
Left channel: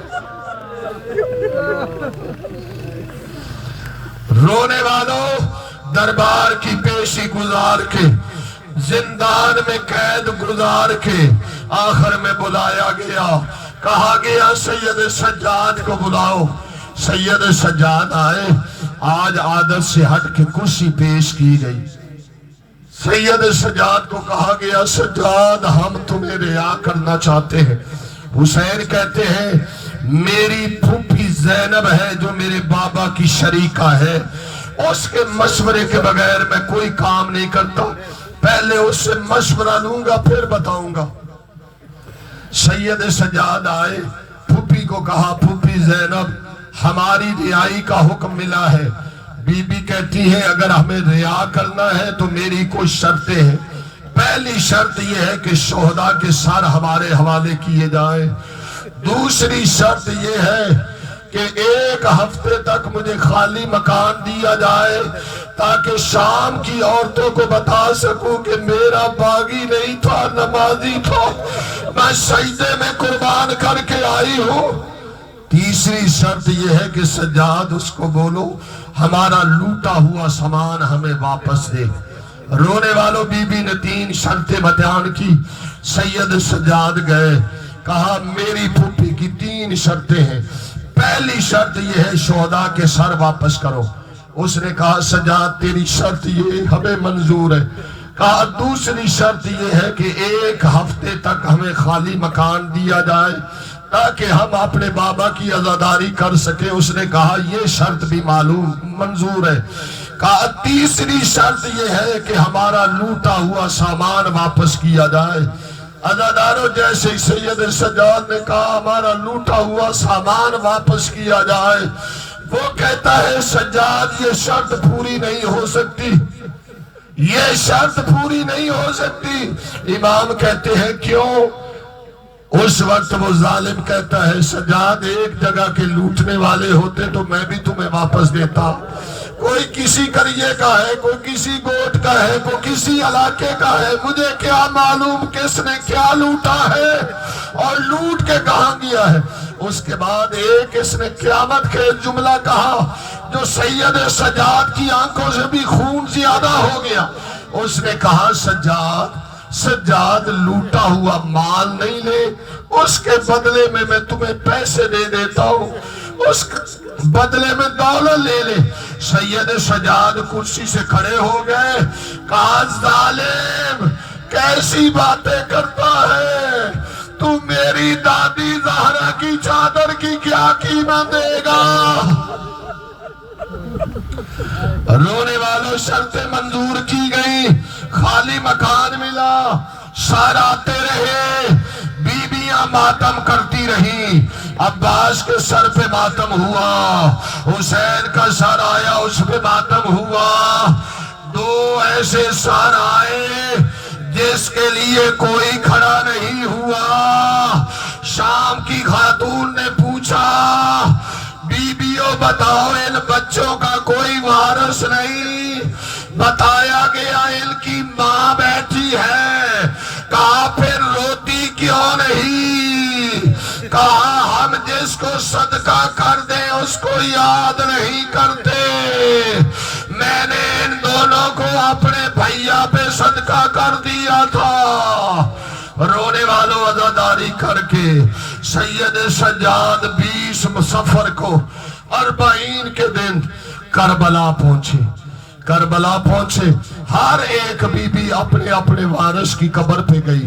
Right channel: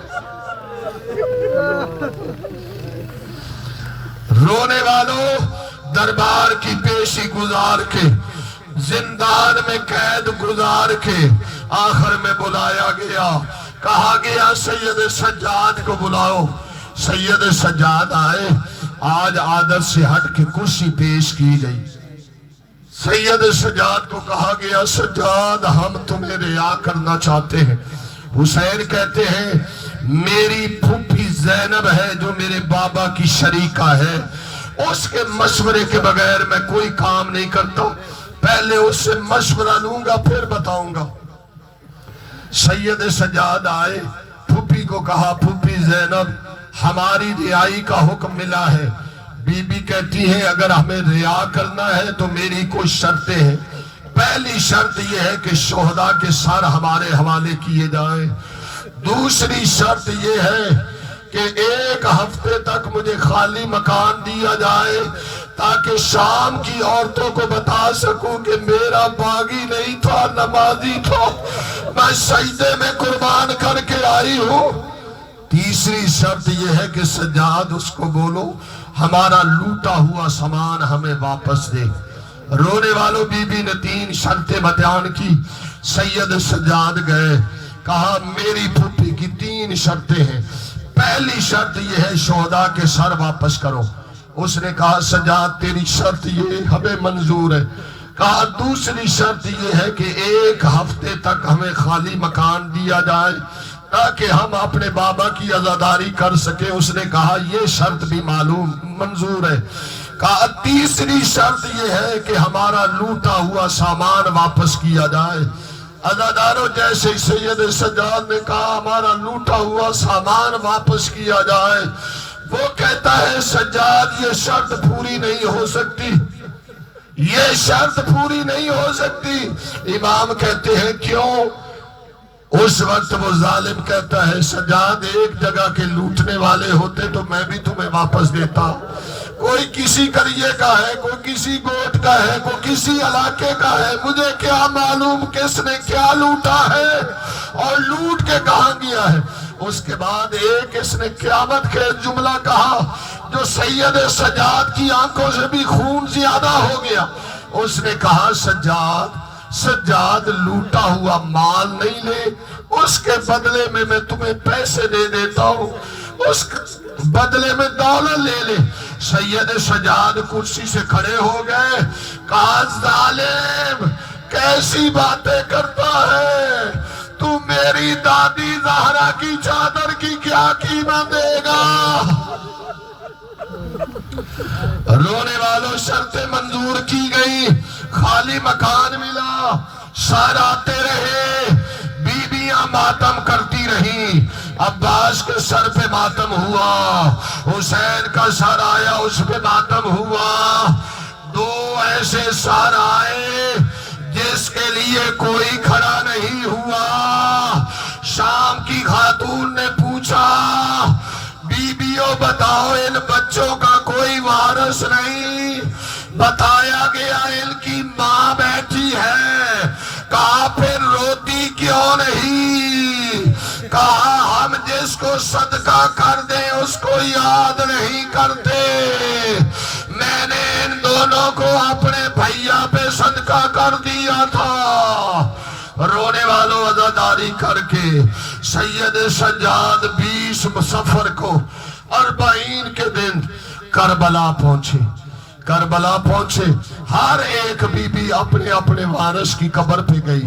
رونے والوں، دربار کی پیشی گزار کے، زندان میں قید گزار کے، آخر میں بلایا گیا. کہا گیا سید سجاد کو بلاؤ. سید سجاد آئے. آج عادت سے ہٹ کے کرسی پیش کی گئی. سید سجاد کو کہا گیا سجاد ہم تمہیں رعا کرنا چاہتے ہیں. حسین کہتے ہیں میری پھوپھی زینب ہے جو میرے بابا کی شریکہ ہے، اس کے مشورے کے بغیر میں کوئی کام نہیں کرتا، پہلے اس سے مشورہ لوں گا پھر بتاؤں گا. سید سجاد آئے. پھوپھی کو کہا پھوپھی زینب ہماری رعائی کا حکم ملا ہے. بی بی کہتی ہے اگر ہمیں رعا کرنا ہے تو میری کچھ شرطیں ہیں. پہلی شرط یہ ہے کہ شہداء کے سر ہمارے حوالے کیے جائیں. دوسری شرط یہ ہے کہ 1 ہفتے تک مجھے خالی مکان دیا جائے تاکہ شام کی عورتوں کو بتا سکوں کہ میرا باغی نہیں تھا، نمازی تھا، میں سجدے میں قربان کر کے آئی ہوں. تیسری شرط یہ ہے کہ سجاد اس کو بولو ہمارا لوٹا ہوا سامان ہمیں واپس دے. رونے والوں بی بی نے 3 شرطیں بیان کی. سید سجاد گئے. کہا میری پھوپھی کی 3 شرطیں ہیں. پہلی شرط یہ ہے شہداء کے سر واپس کرو. اس نے کہا سجاد تیری شرط یہ ہمیں منظور ہے. کہا دوسری شرط یہ ہے کہ 1 ہفتے تک ہمیں خالی مکان دیا جائے تاکہ ہم اپنے بابا کی عزاداری کر سکیں. اس نے کہا یہ شرط بھی معلوم منظور ہے. کہا تیسری شرط یہ ہے کہ ہمارا لوٹا ہوا سامان واپس کیا جائے. عزاداروں جیسے سید سجاد نے کہا ہمارا لوٹا ہوا سامان واپس کیا جائے. وہ کہتا ہے سجاد یہ شرط پوری نہیں ہو سکتی، یہ شرط پوری نہیں ہو سکتی. امام کہتے ہیں کیوں؟ اس وقت وہ ظالم کہتا ہے سجاد 1 جگہ کے لوٹنے والے ہوتے تو میں بھی تمہیں واپس دیتا. کوئی کسی کریے کا ہے، کوئی کسی گوٹ کا ہے، کوئی کسی علاقے کا ہے، مجھے کیا معلوم کس نے کیا لوٹا ہے اور لوٹ کے کہاں گیا ہے. اس کے بعد ایک اس نے قیامت کے جملہ کہا جو سید سجاد کی آنکھوں سے بھی خون زیادہ ہو گیا. اس نے کہا سجاد لوٹا ہوا مال نہیں لے، اس کے بدلے میں تمہیں پیسے دے دیتا ہوں، اس بدلے میں دولت لے لے. سید سجاد کرسی سے کھڑے ہو گئے. کہا ظالم کیسی باتیں کرتا ہے تو میری دادی زہرا کی چادر کی کیا قیمت دے گا؟ رونے والوں شرطیں منظور کی گئی. خالی مکان ملا. سر آتے رہے. بیویاں ماتم کرتی رہی. عباس کے سر پہ ماتم ہوا، حسین کا سر آیا اس پہ ماتم ہوا. 2 ایسے سر آئے جس کے لیے کوئی کھڑا نہیں ہوا. شام کی خاتون نے پوچھا بیویوں بتاؤ ان بچوں کا کوئی وارث نہیں؟ بتایا گیا ان کی ماں بیٹھی ہے. کہا پھر روتی کیوں نہیں؟ کہا ہم جس کو صدقہ کر دیں اس کو یاد نہیں کرتے. میں نے ان دونوں کو اپنے بھیا پہ صدقہ کر دیا تھا. رونے والوں عزاداری کر کے سید سجاد 20 صفر کو 40 کے دن کربلا پہنچے. ہر ایک بی بی اپنے اپنے وارث کی قبر پہ گئی.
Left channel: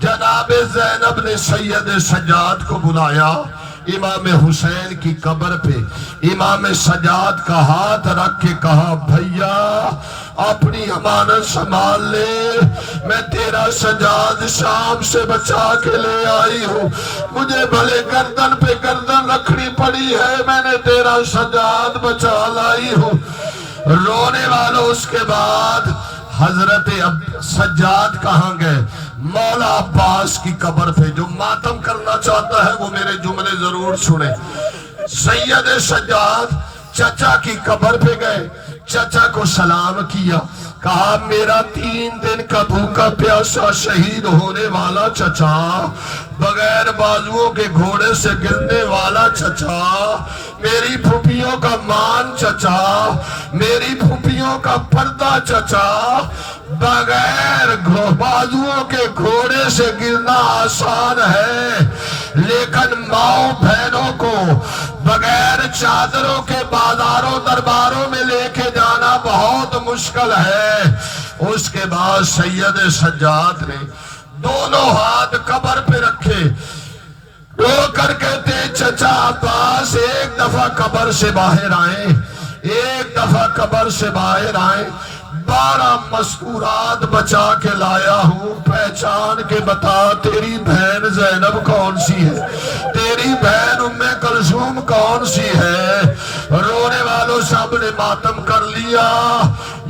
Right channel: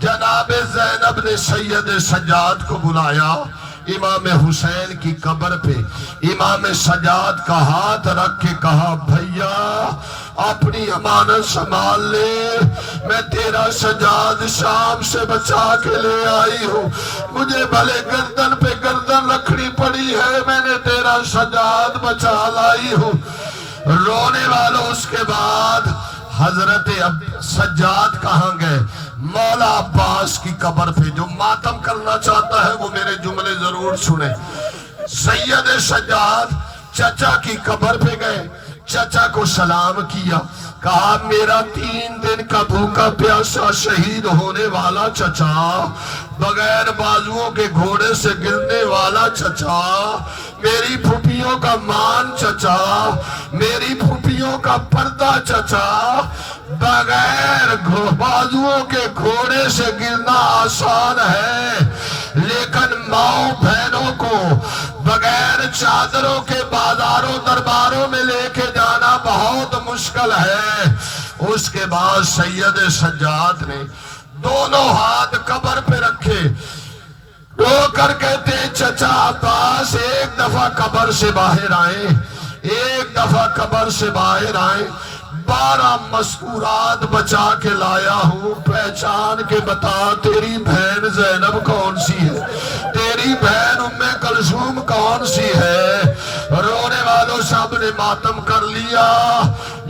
جناب زینب نے سید سجاد کو بلایا امام حسین کی قبر پہ. امام سجاد کا ہاتھ رکھ کے کہا بھیا اپنی امانت سنبھال لے. میں تیرا سجاد شام سے بچا کے لے آئی ہوں. مجھے بھلے گردن پہ گردن رکھنی پڑی ہے, میں نے تیرا سجاد بچا لائی ہوں. رونے والوں اس کے بعد حضرت سجاد کہاں گئے؟ مولا عباس کی قبر پہ. جو ماتم کرنا چاہتا ہے وہ میرے جملے ضرور سنے. سید سجاد چچا کی قبر پہ گئے, چچا کو سلام کیا, کہا میرا 3 دن کا بھوکا پیاسا شہید ہونے والا چچا, بغیر بازوؤں کے گھوڑے سے گرنے والا چچا, میری پھوپھیوں کا مان چچا, میری پھوپھیوں کا پردہ چچا, بغیر بازوؤں کے گھوڑے سے گرنا آسان ہے, لیکن ماؤں بہنوں کو بغیر چادروں کے بازاروں درباروں میں لے کے جانا بہت مشکل ہے. اس کے بعد سید سجاد نے دونوں ہاتھ قبر پہ رکھے, رو کر کہتے چچا عباس ایک دفعہ قبر سے باہر آئے, ایک دفعہ قبر سے باہر آئے. 12 مذکورات بچا کے لایا ہوں, پہچان کے بتا تیری بہن زینب کون سی ہے, تیری بہن ام کلثوم کون سی ہے. رونے والوں سب نے ماتم کر لیا.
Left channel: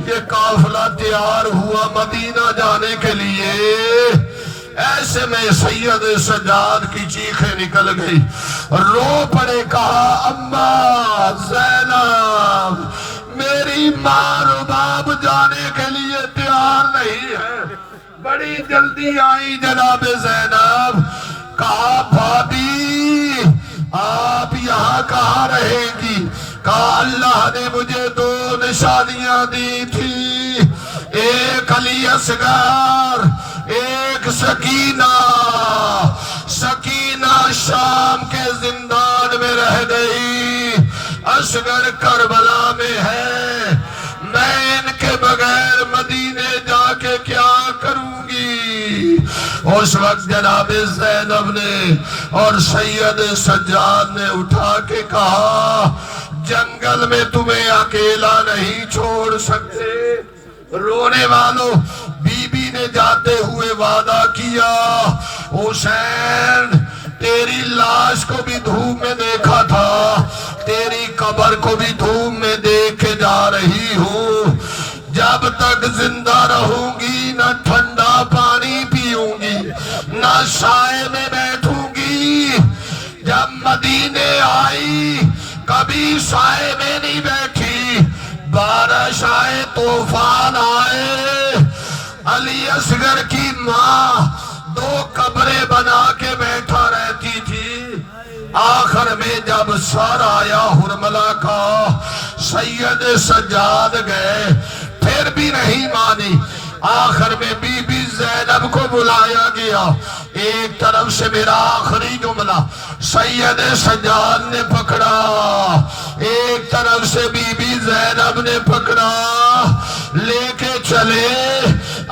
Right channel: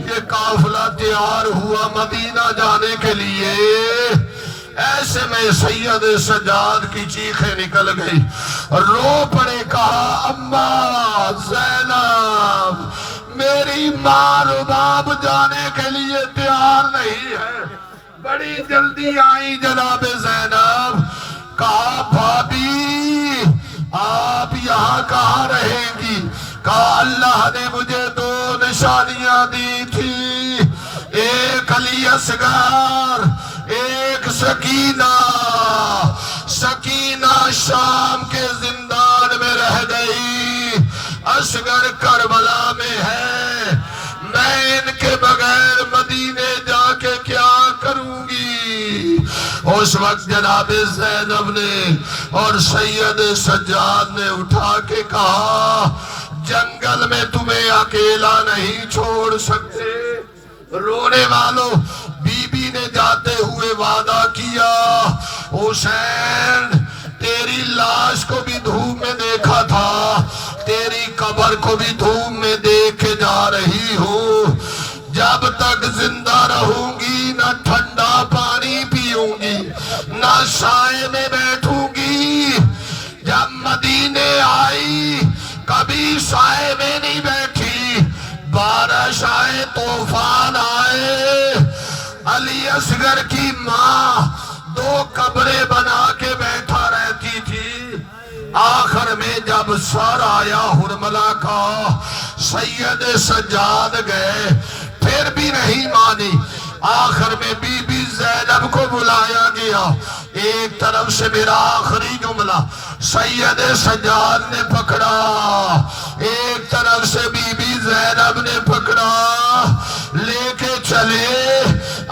یہ قافلہ تیار ہوا مدینہ جانے کے لیے. ایسے میں سید سجاد کی چیخیں نکل گئی, رو پڑے, کہا اماں زینب میری ماں رباب جانے کے لیے تیار نہیں ہے. بڑی جلدی آئی جناب زینب. کہا بھابی آپ یہاں کہاں رہیں گی؟ کہا اللہ نے مجھے 2 نشانیاں دی تھی, ایک علی اصغر, ایک سکینہ. سکینہ شام کے زندان میں رہ گئی, اصغر کربلا میں ہے. میں ان کے بغیر مدینے جا کے کیا کروں گی؟ اس وقت جناب زینب نے اور سید سجاد نے اٹھا کے کہا جنگل میں تمہیں اکیلا نہیں چھوڑ سکتے. رونے والوں بی بی نے جاتے ہوئے وعدہ کیا, حسین تیری لاش کو بھی دھوپ میں دیکھا تھا, تیری قبر کو بھی دھوپ میں دیکھ کے جا رہی ہوں. جب تک زندہ رہوں گی نہ ٹھنڈا پانی پیوں گی, نہ سائے میں بیٹھوں گی. جب مدینے آئی کبھی سائے میں نہیں بیٹھی, بارش آئے طوفان آئے. علی اصغر کی ماں 2 قبریں بنا کے بیٹھا رہتی تھی. آخر میں جب سر آیا حرملہ کا, سید سجاد گئے, پھر بھی نہیں مانی. آخر میں بی بی زینب کو بلایا گیا. ایک طرف سے میرا آخری جملہ سید سجاد نے پکڑا, ایک طرف سے بی بی زینب نے پکڑا, لے کے چلے.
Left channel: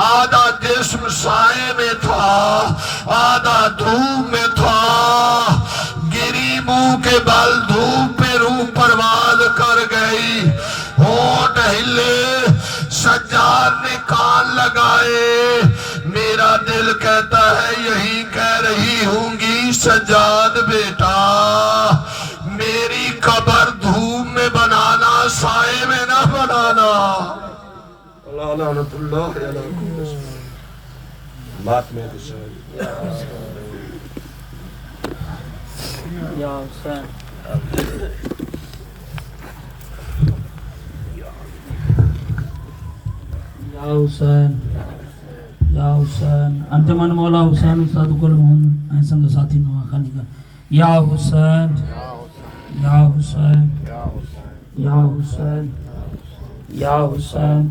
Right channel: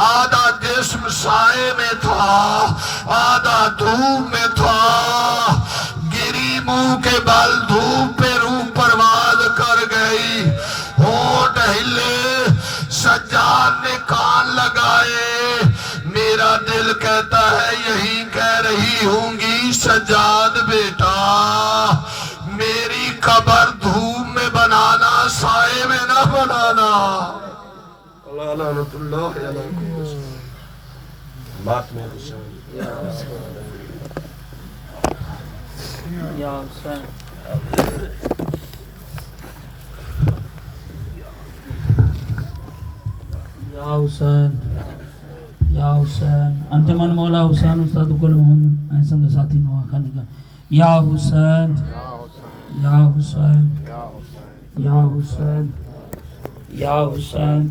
آدھا جسم سائے میں تھا, آدھا دھوپ میں تھا. گری منہ کے بال دھوپ پہ روح پرواز کر گئی. ہونٹ ہلے, سجاد نے کان لگائے. میرا دل کہتا ہے یہی کہہ رہی ہوں گی سجاد بیٹا, میری قبر دھوپ میں بنانا, سائے میں نہ بنانا. اللہ لعنت اللہ علیہ بات میں یا حسین یا حسین یا حسین انتمن مولا حسین استاد کل مہن ایسا ساتھی نوا خالی کا یا حسین یا حسین یا حسین یا حسین